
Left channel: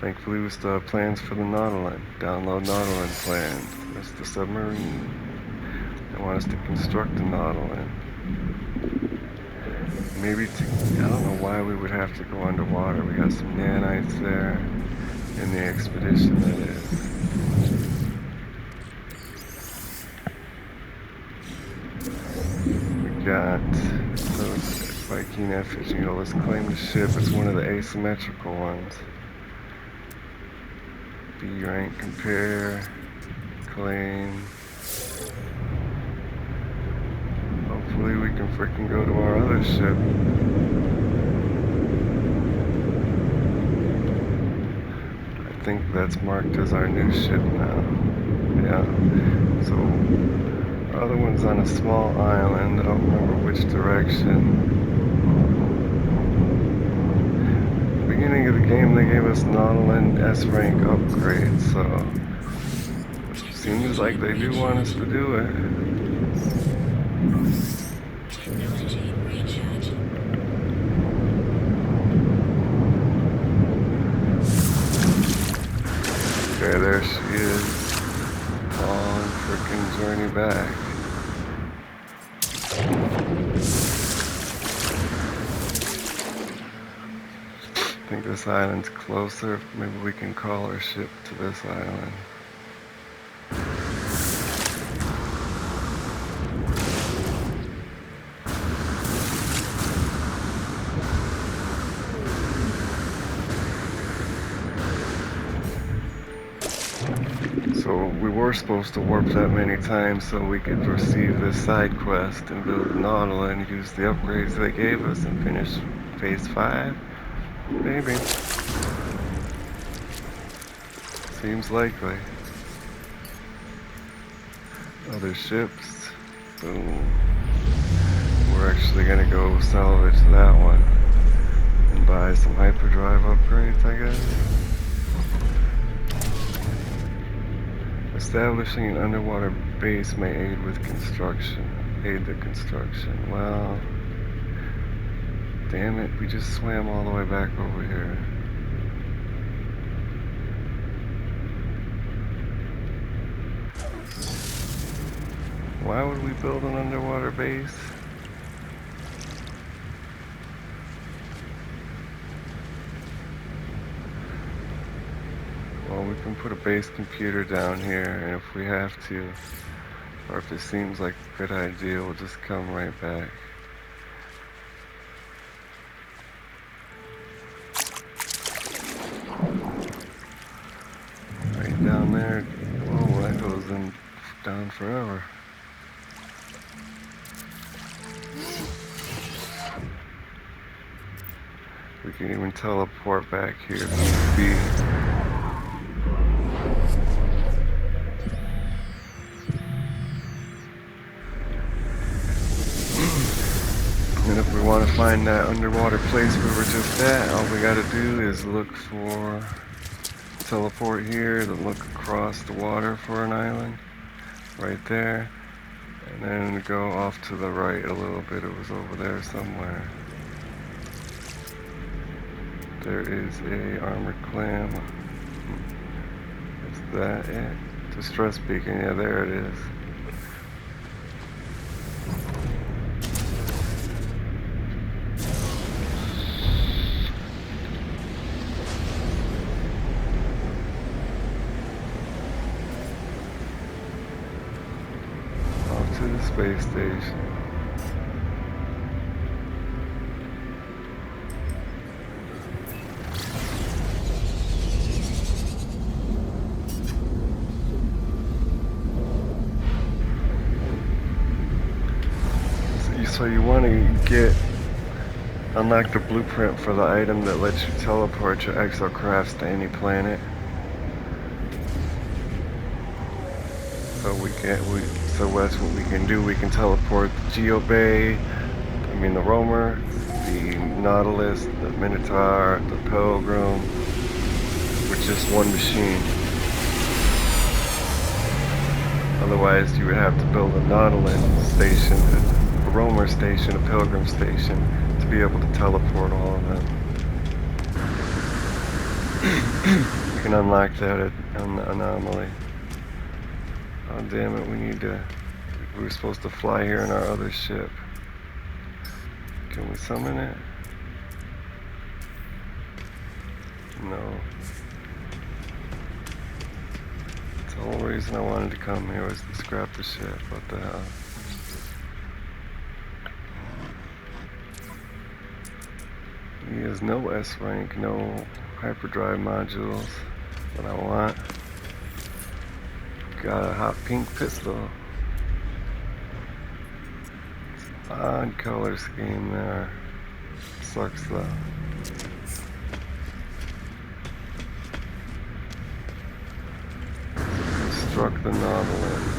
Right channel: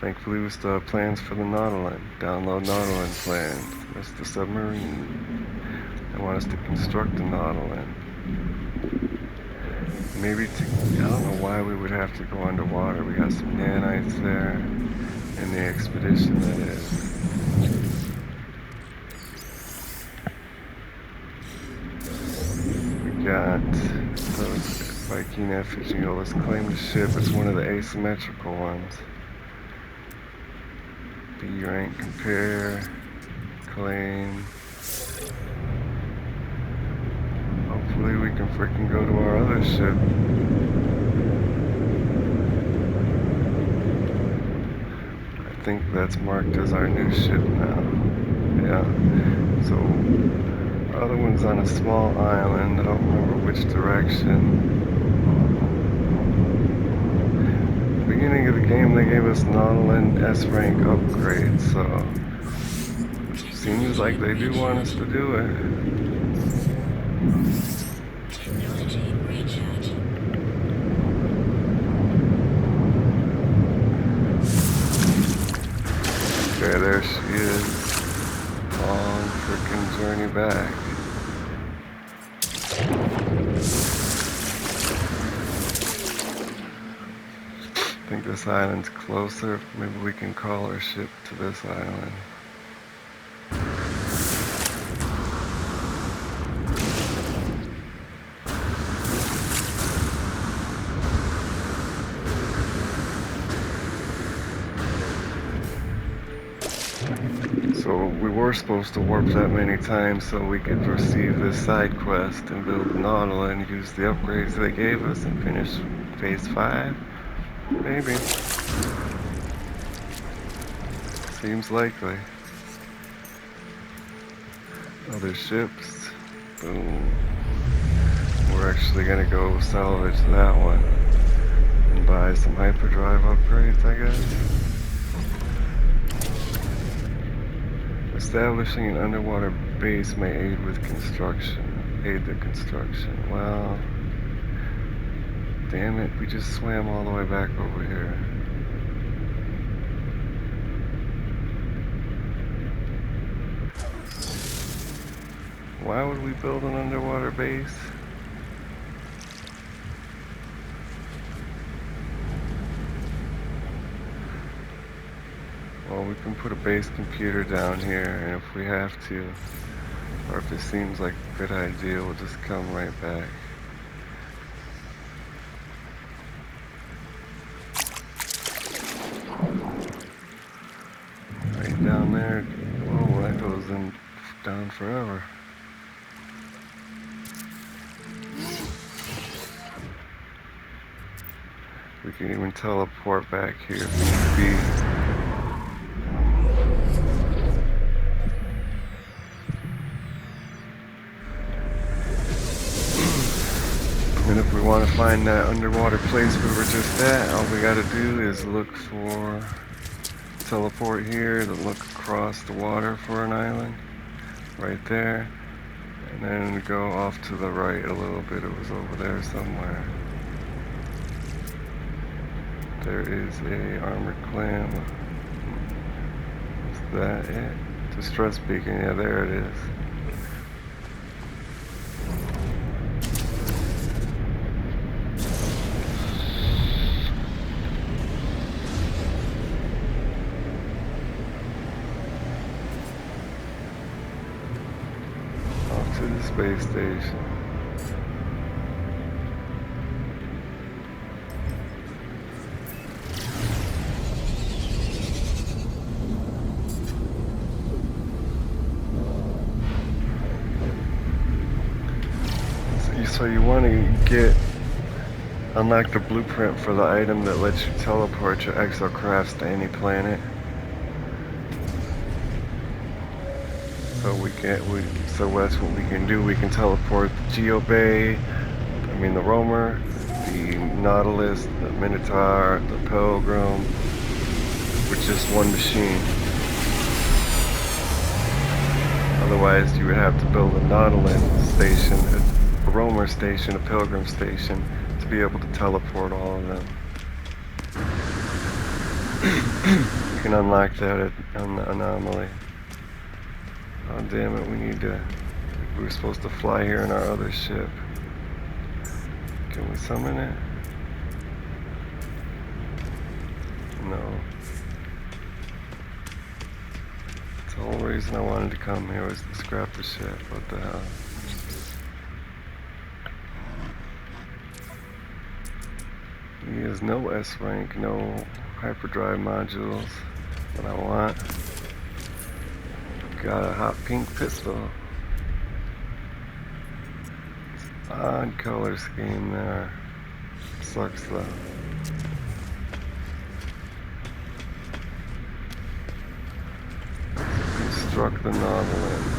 Thankfully, we still have plans for the Nautilin. Download Nautilin plans. That's the submarine. They want us to construct the Nautilin. Maybe I don't know why we would have to go underwater. We got some nanites there in the expedition, that is. Got Viking F-15. Let's claim the ship. It's one of the asymmetrical ones. B rank, compare, claim. Hopefully we can frickin' go to our other ship. I think that's marked as our new ship now. Yeah. So other one's on a small island. I don't remember which direction. Beginning of the game, they gave us Nautilin S rank upgrades, so it seems like they do want us to do it. Technology recharge. Okay, there she is. Long frickin' journey back. I think this island's closer. Maybe we can call our ship to this island. were supposed to warp that many times so we could receive this side quest and build a Nautilus and use the upgrades they gave us and finish phase 5? Maybe. Seems likely. Other ships. Boom. We're actually gonna go salvage that one and buy some hyperdrive upgrades, I guess. Establishing an underwater base may aid with construction. Aid the construction. Well, damn it, we just swam all the way back over here. Why would we build an underwater base? Well, we can put a base computer down here, and if we have to, or if it seems like a good idea, we'll just come right back. Right down there. Whoa, that goes in down forever. We can even teleport back here if need be. And if we want to find that underwater place we were just at, all we gotta do is look for teleport here to look across the water for an island right there, and then go off to the right a little bit. It was over there somewhere. There is a armored clam. Is that it? Distress beacon. Yeah, there it is. Off to the space station. So you want to unlock the blueprint for the item that lets you teleport your exocrafts to any planet. So that's what we can do. We can teleport the the Roamer, the Nautilus, the Minotaur, the Pilgrim, with just one machine. Otherwise, you would have to build a Nautilus station, a Roamer station, a Pilgrim station, to be able to teleport all of them. You can unlock that on the anomaly. Oh damn it, we were supposed to fly here in our other ship. Can we summon it? No. That's the whole reason I wanted to come here, was to scrap the ship. What the hell? He has no S rank, no hyperdrive modules. What I want. Got a hot pink pistol. Odd color scheme there. Sucks though. Construct the Nautilus.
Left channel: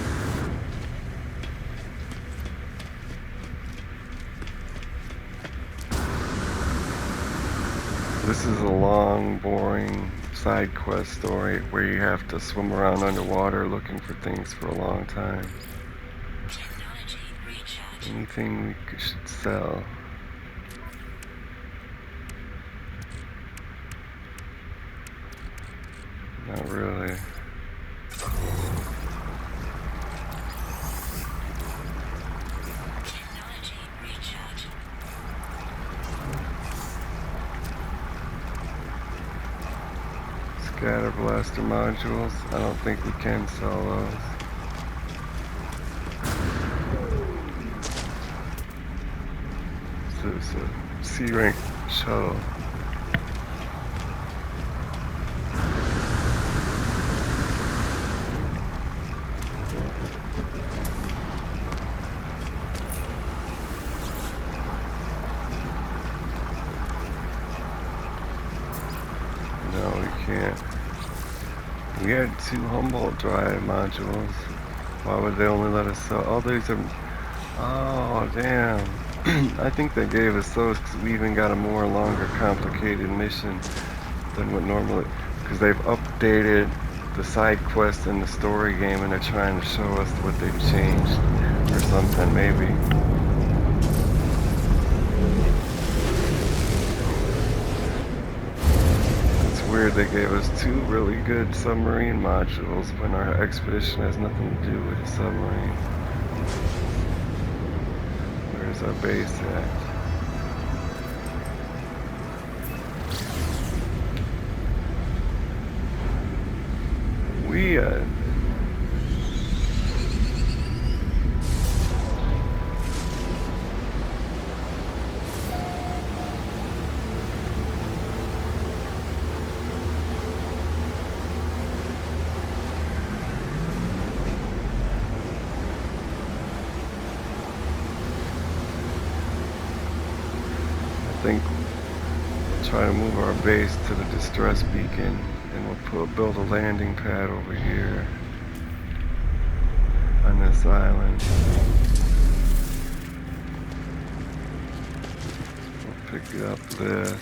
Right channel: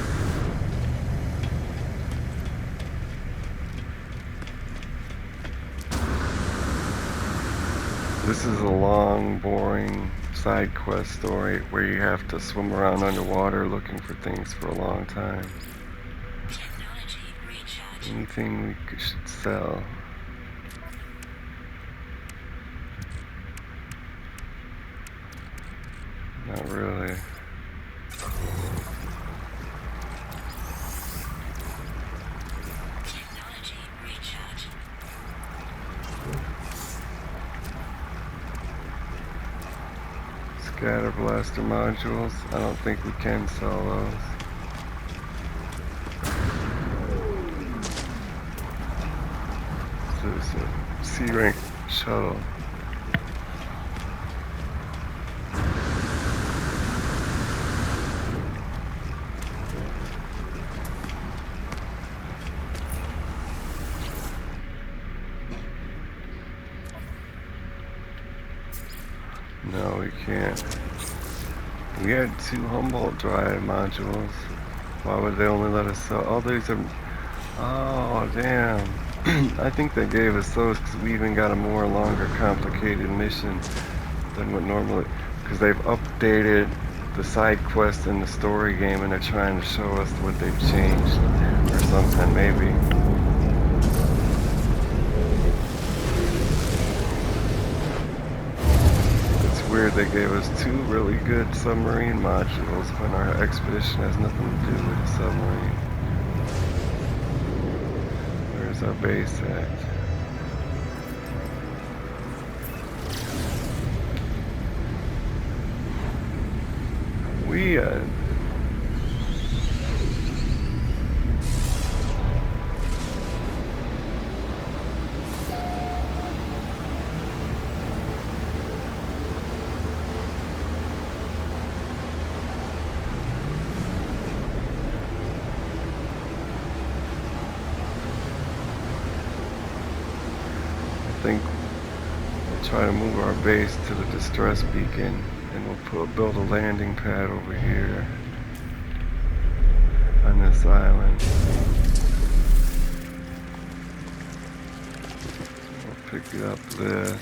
This is a long, boring side quest story where you have to swim around underwater looking for things for a long time. Anything we should sell. Not really. Scatter blaster modules. I don't think we can sell those. This is a C-rank shuttle. No, we can't. We had 2 Humboldt drive modules. Why would they only let us sell? Oh, these are. Oh, damn. I think they gave us those because we even got a more longer, complicated mission than what normally. Because they've updated the side quest in the story game and they're trying to show us what they've changed or something, maybe. It's weird they gave us 2 really good submarine modules when our expedition has nothing to do with a submarine. Where's our base at? We I think we'll try to move our base to the distress beacon, and we'll build a landing pad over here on this island. We'll pick up this.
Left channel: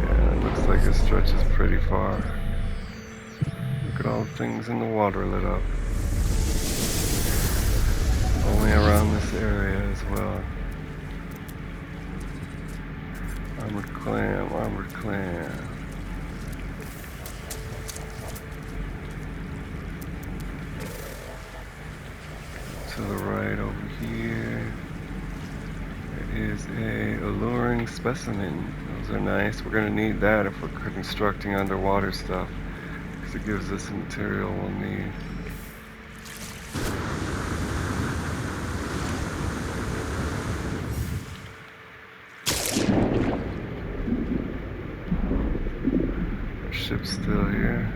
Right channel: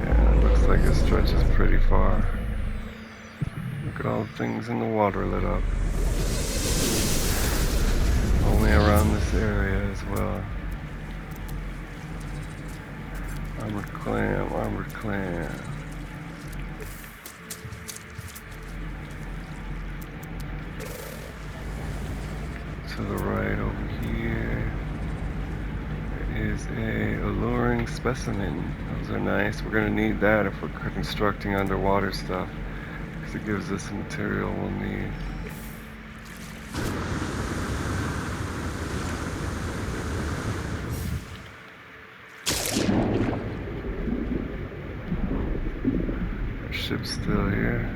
Yeah, it looks like it stretches pretty far. Look at all the things in the water lit up. Only around this area as well. Armored clam, armored clam. To the right over here is a alluring specimen. Those are nice. We're gonna need that if we're constructing underwater stuff, because it gives us the material we'll need. Our ship's still here.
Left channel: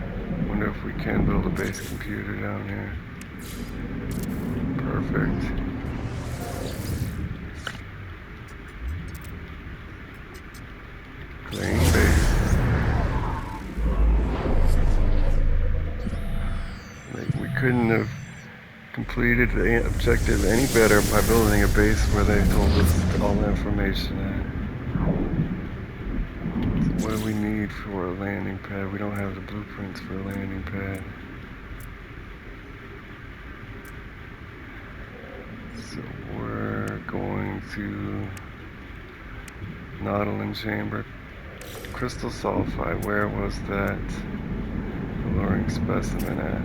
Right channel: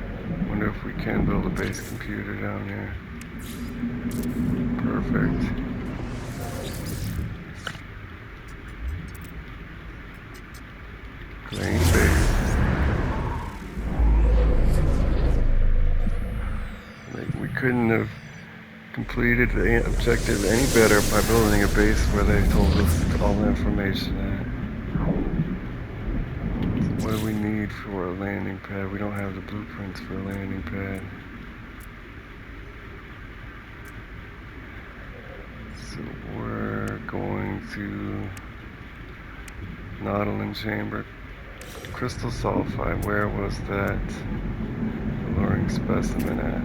Wonder if we can build a base computer down here. Perfect. Claim base. We couldn't have completed the objective any better by building a base where they told us all the information at. So what do we need for a landing pad? We don't have the blueprints for a landing pad. So we're going to Nautilin chamber. Crystal sulfide, where was that alluring specimen at?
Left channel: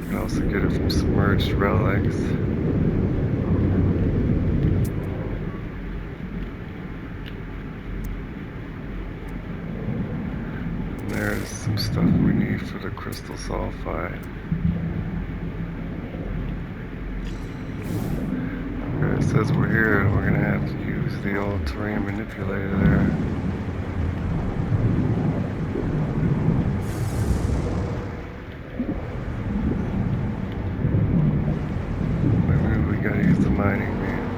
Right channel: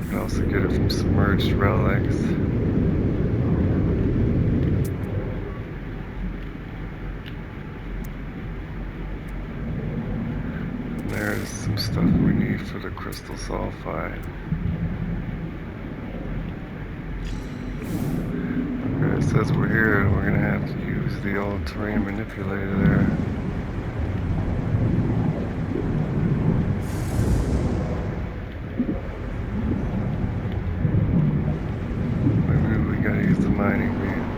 You can also get it from submerged relics. And there's some stuff we need for the crystal sulfide. Okay, it says we're here. We're gonna have to use the old terrain manipulator there. Maybe we gotta use the mining beam.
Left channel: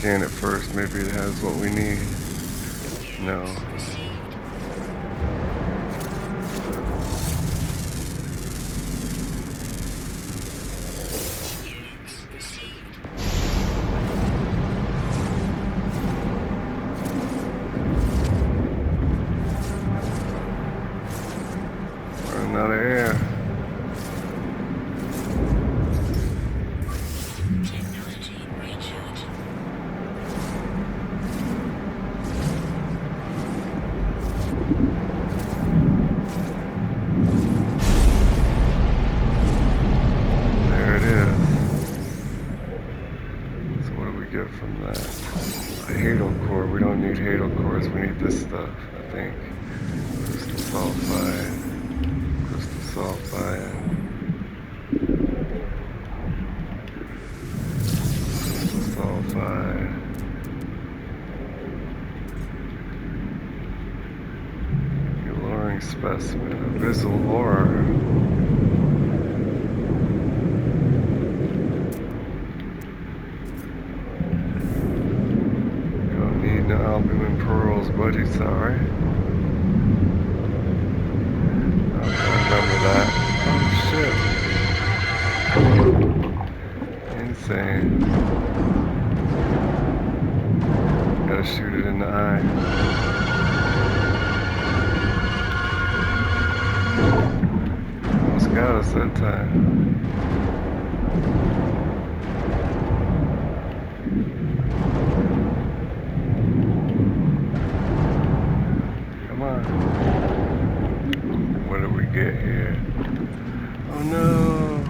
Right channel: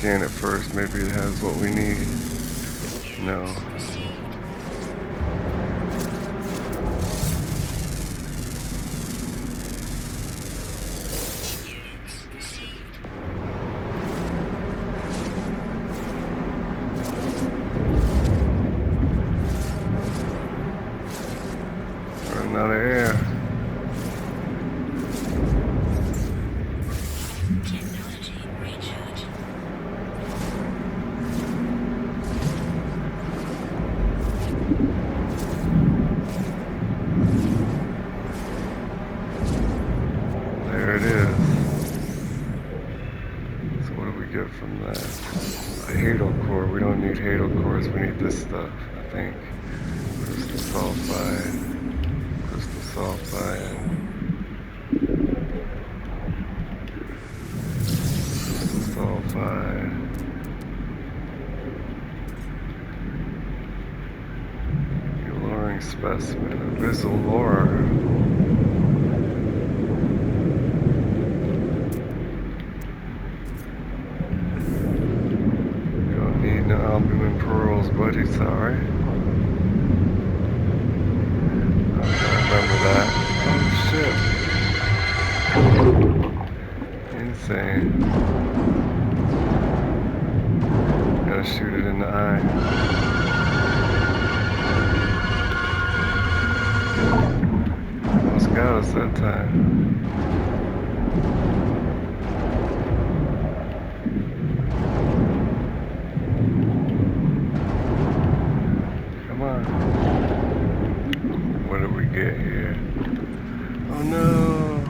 Scan it first, maybe it has what we need. No. Running out of air. Technology recharge. There it is. So what do we get from that? A hadal core. We don't need hadal cores. We need this stuff, I think. Crystal sulfide. Crystal sulfide. Assessment. Abyssal horror. You don't need no albumin pearls, buddy. Sorry. I remember that. Oh shit. Insane. Gotta shoot it in the eye. Almost got us that time. Come on. What did we get here? Oh no!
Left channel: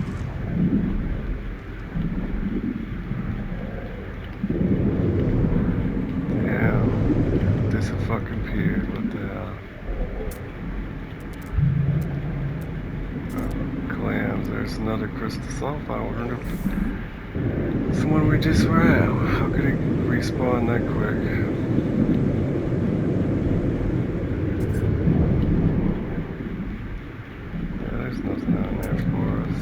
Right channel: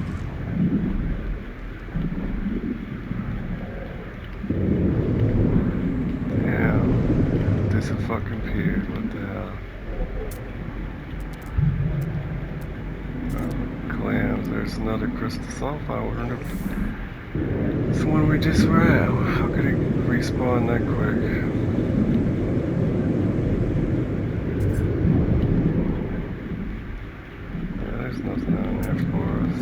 Damn. This a fucking pier. What the hell? Clams. There's another crystal sulfide. I wonder if it's the one we just were at. How could it respawn that quick? Yeah, there's nothing on there for us.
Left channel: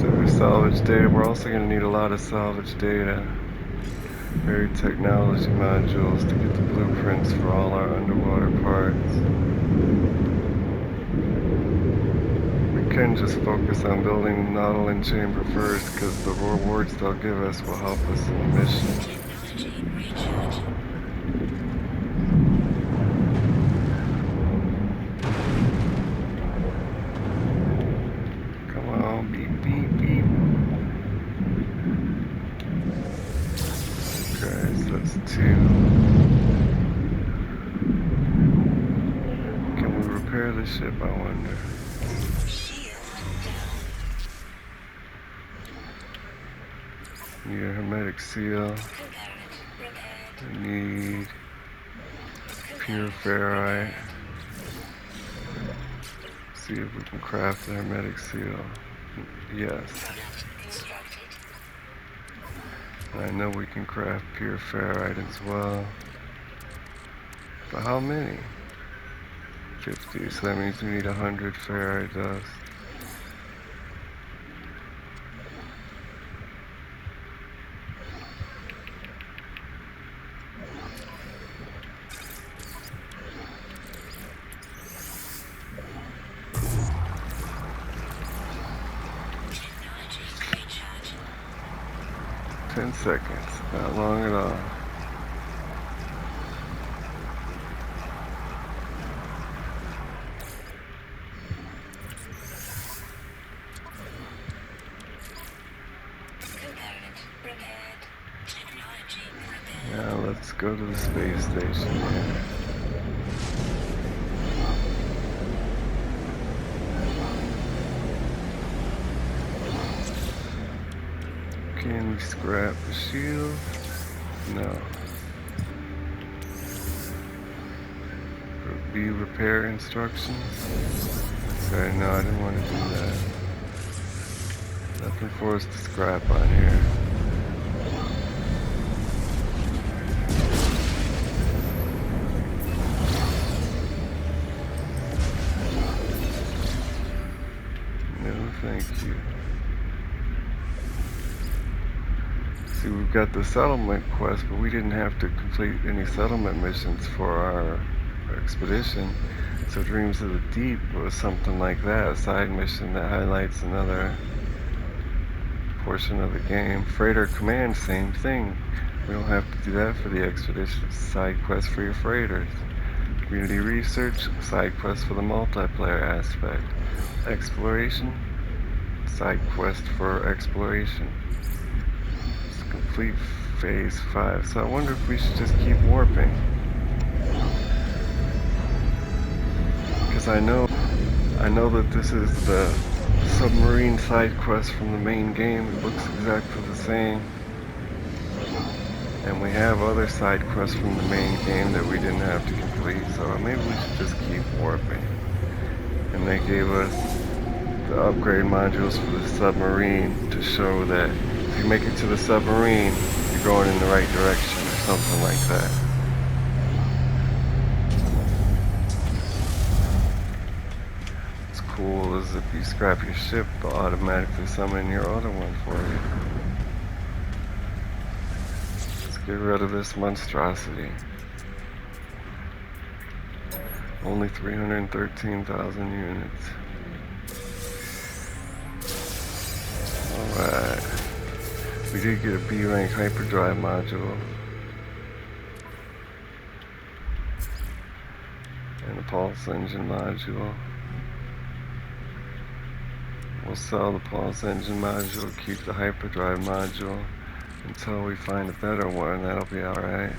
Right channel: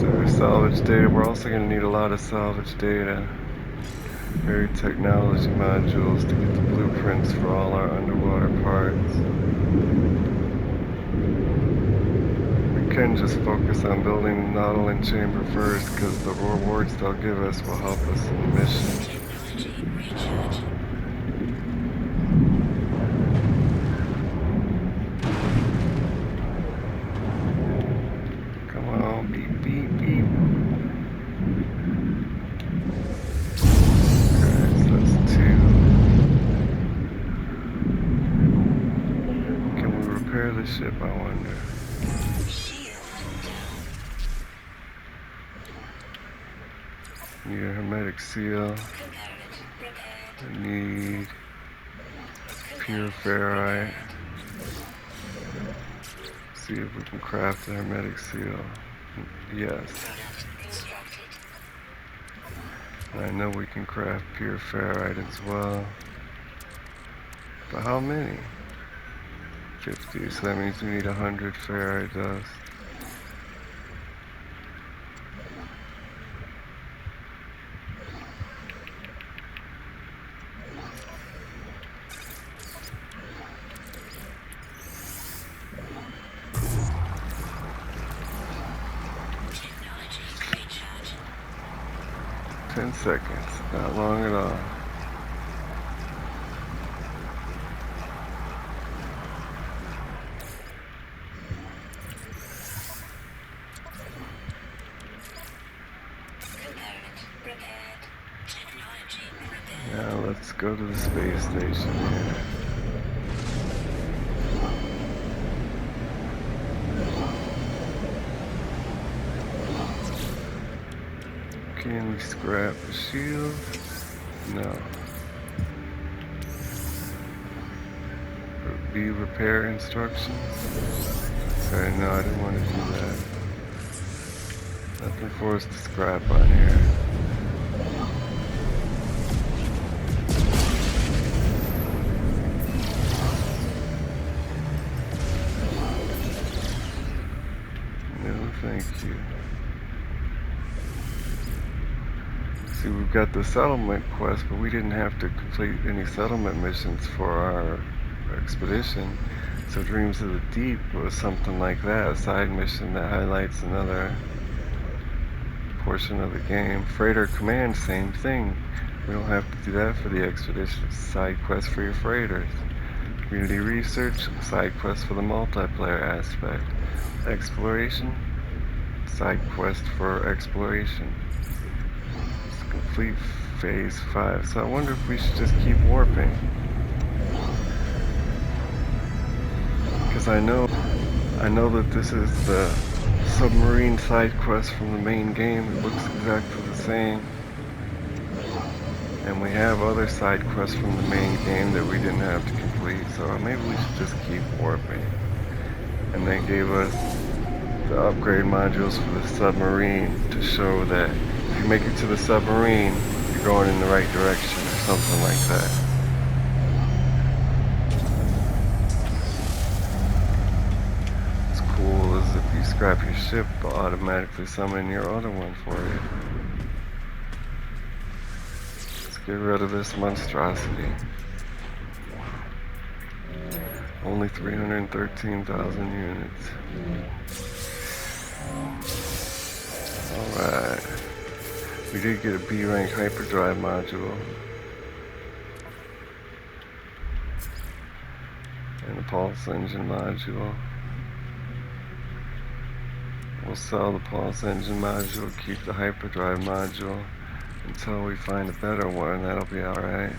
So there's salvage data. We're also going to need a lot of salvage data. Buried technology modules to get the blueprints for all our underwater parts. We can just focus on building the Nautilin chamber first, because the rewards they'll give us will help us in the mission. Technology recharge. Come on, beep, beep, beep. Okay, so that's 2. Can we repair the ship, I wonder? Shield down. Need a hermetic seal. Component repaired. I need pure ferrite. See if we can craft a hermetic seal. Yes. Constructed. I know we can craft pure ferrite as well. But how many? 50, so that means we need 100 ferrite dust. Technology recharge. 10 seconds, not long at all. Component repaired. Technology repaired. Now let's go to the space station here. Can we scrap the shield? No. B repair instructions? Okay, no, I didn't want to do that. Nothing for us to scrap on here. No, thank you. See, we've got the settlement quest, but we didn't have to complete any settlement missions for our expedition. So Dreams of the Deep was something like that, a side mission that highlights another portion of the game. Freighter Command, same thing. We don't have to do that for the expedition. It's a side quest for your freighters. Community research, side quest for the multiplayer aspect. Exploration, side quest for exploration. It's complete phase 5. So I wonder if we should just keep warping. Because I know that this is the submarine side quest from the main game. It looks exactly the same. And we have other side quests from the main game that we didn't have to complete. So maybe we should just keep warping. And they gave us the upgrade modules for the submarine to show that if you make it to the submarine, you're going in the right direction or something like that. What's cool is if you scrap your ship, it'll automatically summon your other one for you. Let's get rid of this monstrosity. Only 313,000 units. Alright. We did get a B rank hyperdrive module. And a pulse engine module. We'll sell the pulse engine module, keep the hyperdrive module until we find a better one. That'll be alright.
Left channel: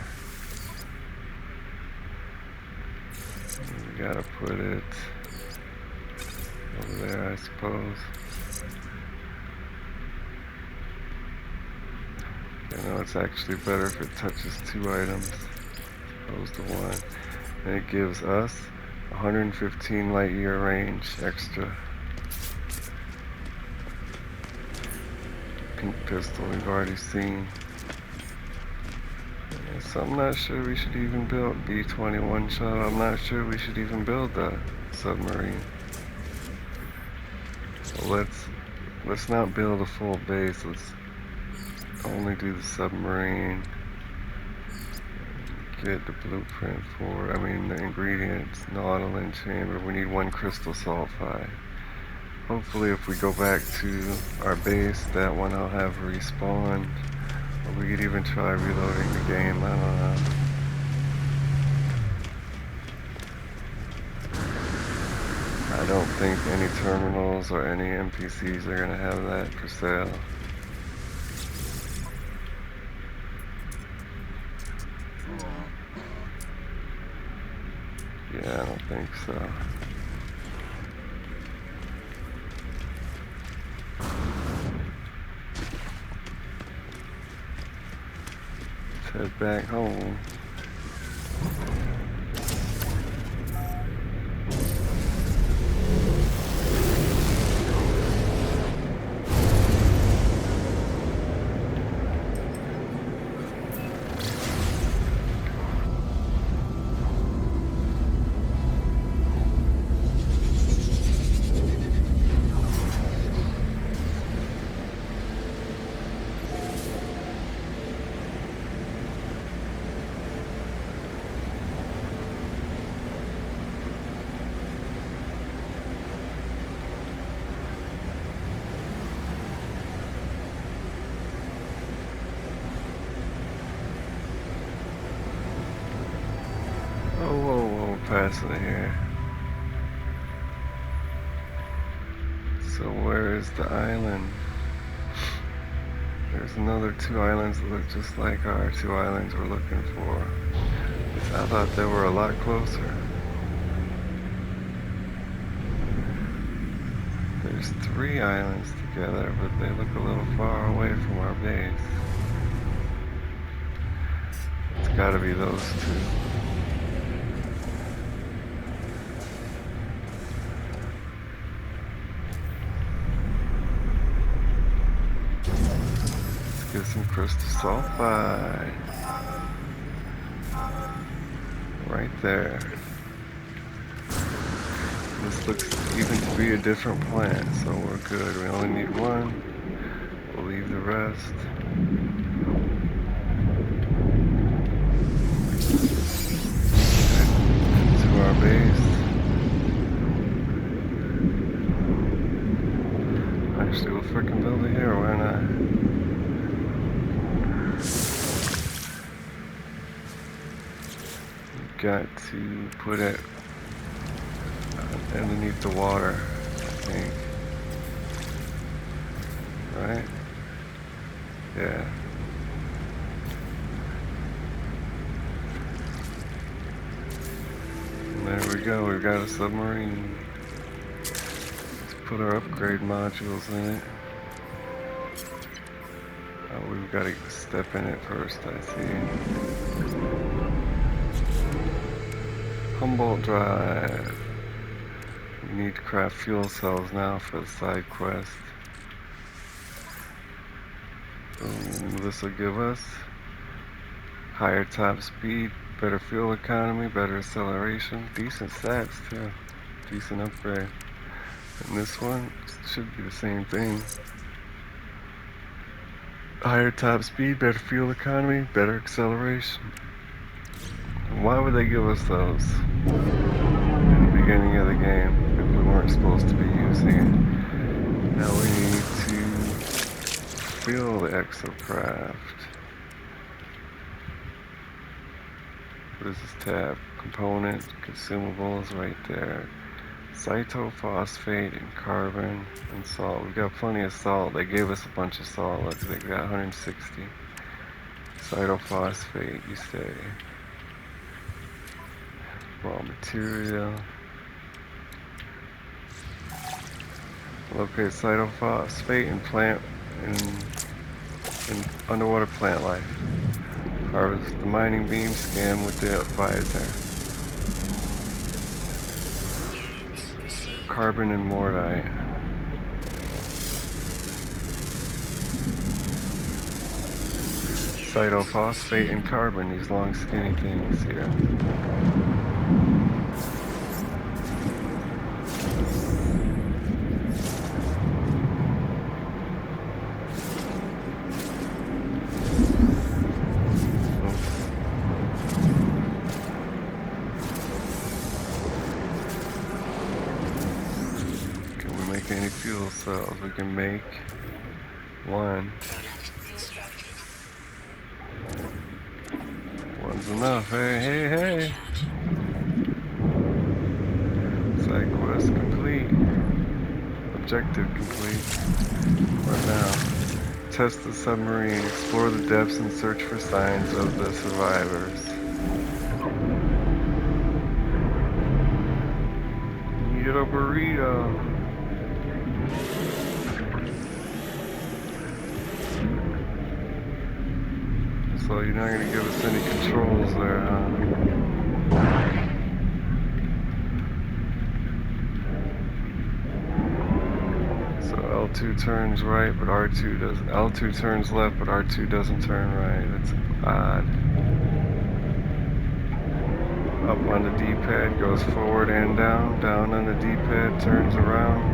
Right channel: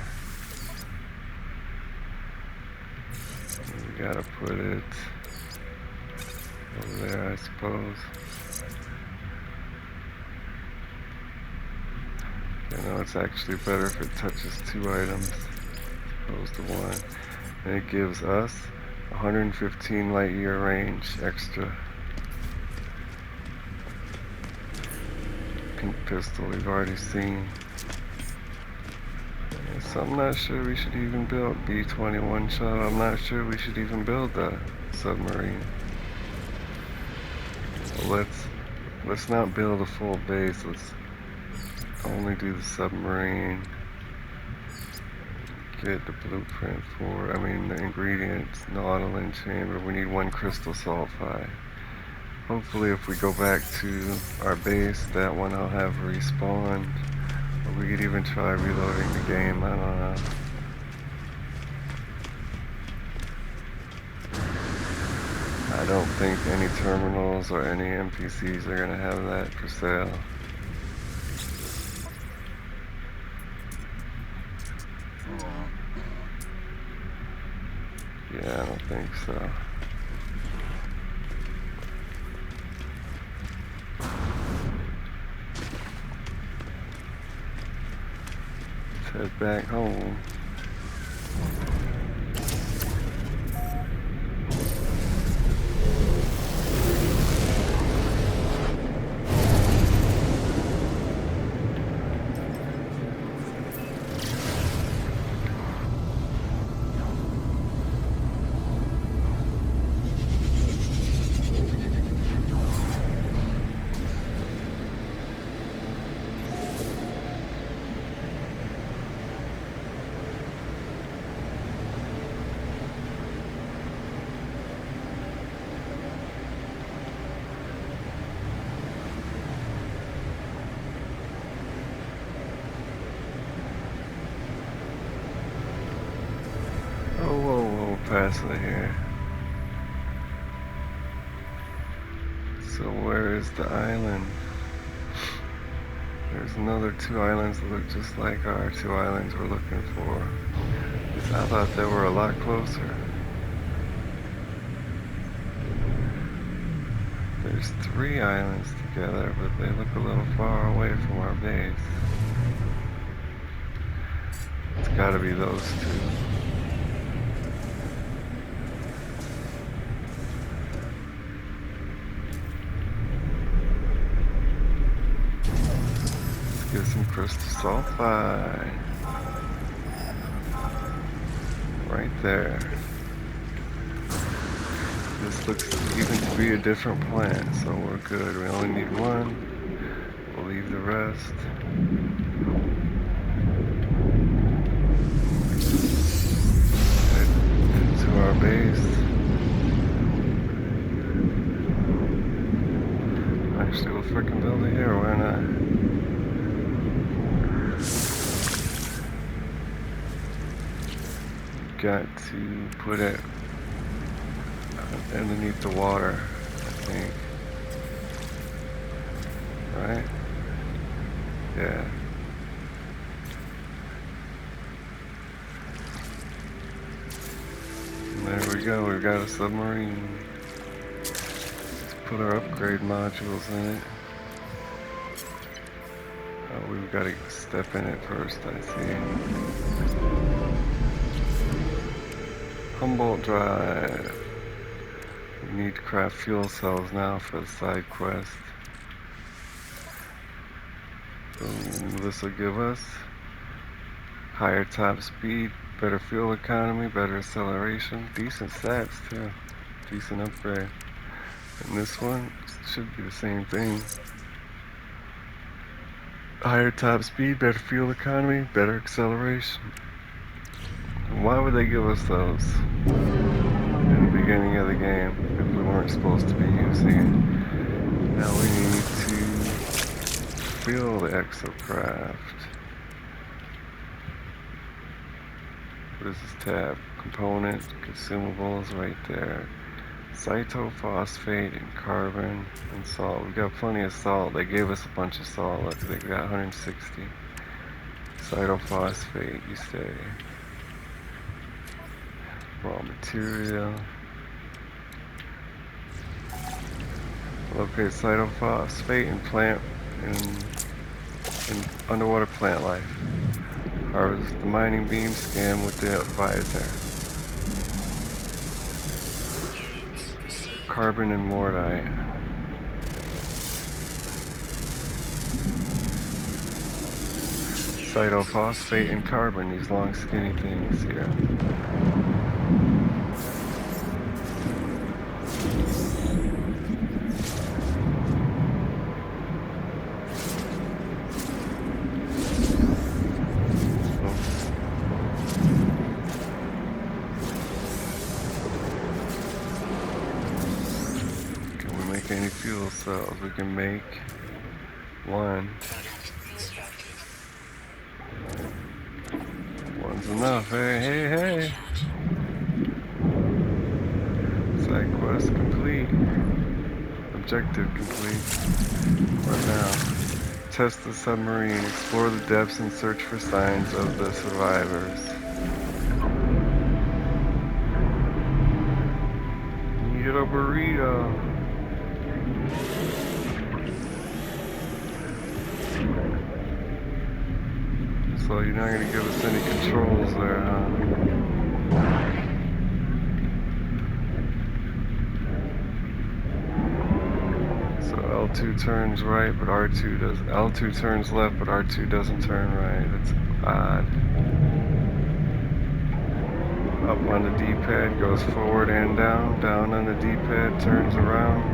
We gotta put it over there, I suppose. You know, it's actually better if it touches 2 items as opposed to 1. And it gives us 115 light year range extra. Pink pistol we've already seen. So I'm not sure we should even build B-21 shuttle. I'm not sure we should even build the submarine. Well, let's not build a full base. Let's only do the submarine. Get the blueprint for, the ingredients, nautilin chamber. We need 1 crystal sulfide. Hopefully if we go back to our base, that one I'll have respawned. Or we could even try reloading the game, I don't know. I don't think any terminals or any NPCs are gonna have that for sale. Yeah, I don't think so. Let's head back home. Oh, whoa, past it here. So where is the island? There's another 2 islands that look just like our 2 islands we're looking for. I thought they were a lot closer. There's 3 islands together, but they look a little far away from our base. It's gotta be those 2. Get some crystal sulfide. Right there. This looks even to be a different plant, so we're good. We only need 1. We'll leave the rest. Head to our base. Actually, we'll frickin' build it here, why not? Got to put it underneath the water, I think. Right? Yeah. And there we go, we've got a submarine. Let's put our upgrade modules in it. Oh, we've got to step in it first, I see. Humboldt Drive. We need to craft fuel cells now for the side quest. Boom, this will give us higher top speed, better fuel economy, better acceleration, decent stats too, decent upgrade. And this one should be the same thing. Higher top speed, better fuel economy, better acceleration. Why would they give us those in the beginning of the game if we weren't supposed to be using it? Now we need to fill the exocraft. What is this tab? Component, consumables right there. Cytophosphate and carbon and salt. We got plenty of salt. They gave us a bunch of salt. Look, they got 160. Cytophosphate, you say. Raw material. Locate cytophosphate in plant in underwater plant life. Harvest the mining beam, scan with the visor. Carbon and mortite. Cytophosphate and carbon, these long skinny things here. Can we make any fuel cells? We can make one. One's enough. Hey, hey, hey. Side quest complete. Objective complete. What now? Test the submarine. Explore the depths and search for signs of the survivors. Need a burrito. So you're not gonna give us any controls there, huh? So L2 turns right, but R2 doesn't. L2 turns left, but R2 doesn't turn right. That's odd. Up on the D-pad goes forward and down. Down on the D-pad turns around.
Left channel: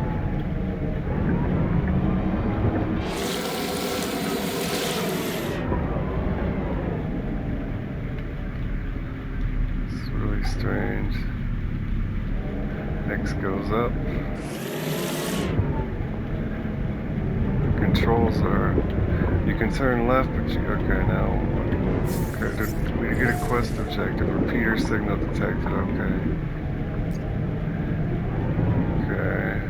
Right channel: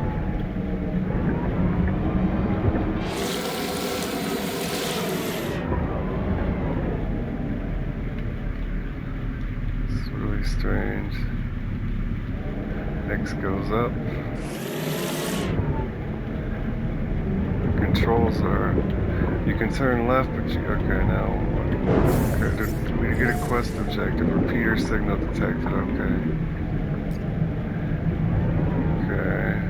It's really strange. X goes up. The controls are, you can turn left, but you, okay, now, okay, we get a quest objective, repeater signal detected, okay. Okay.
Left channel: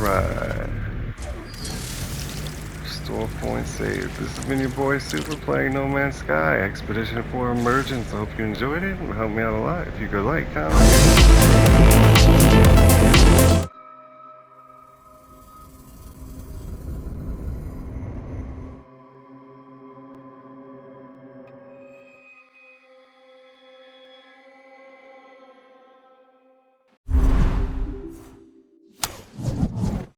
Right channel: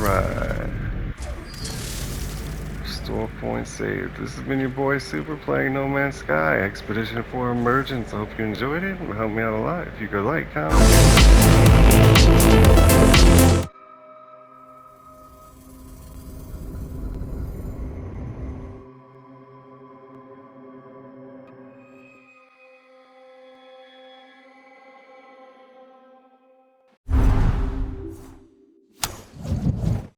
Alright. Store point saved. This has been your boy Super playing No Man's Sky Expedition for Emergence. I hope you enjoyed it. It would help me out a lot if you could like, comment.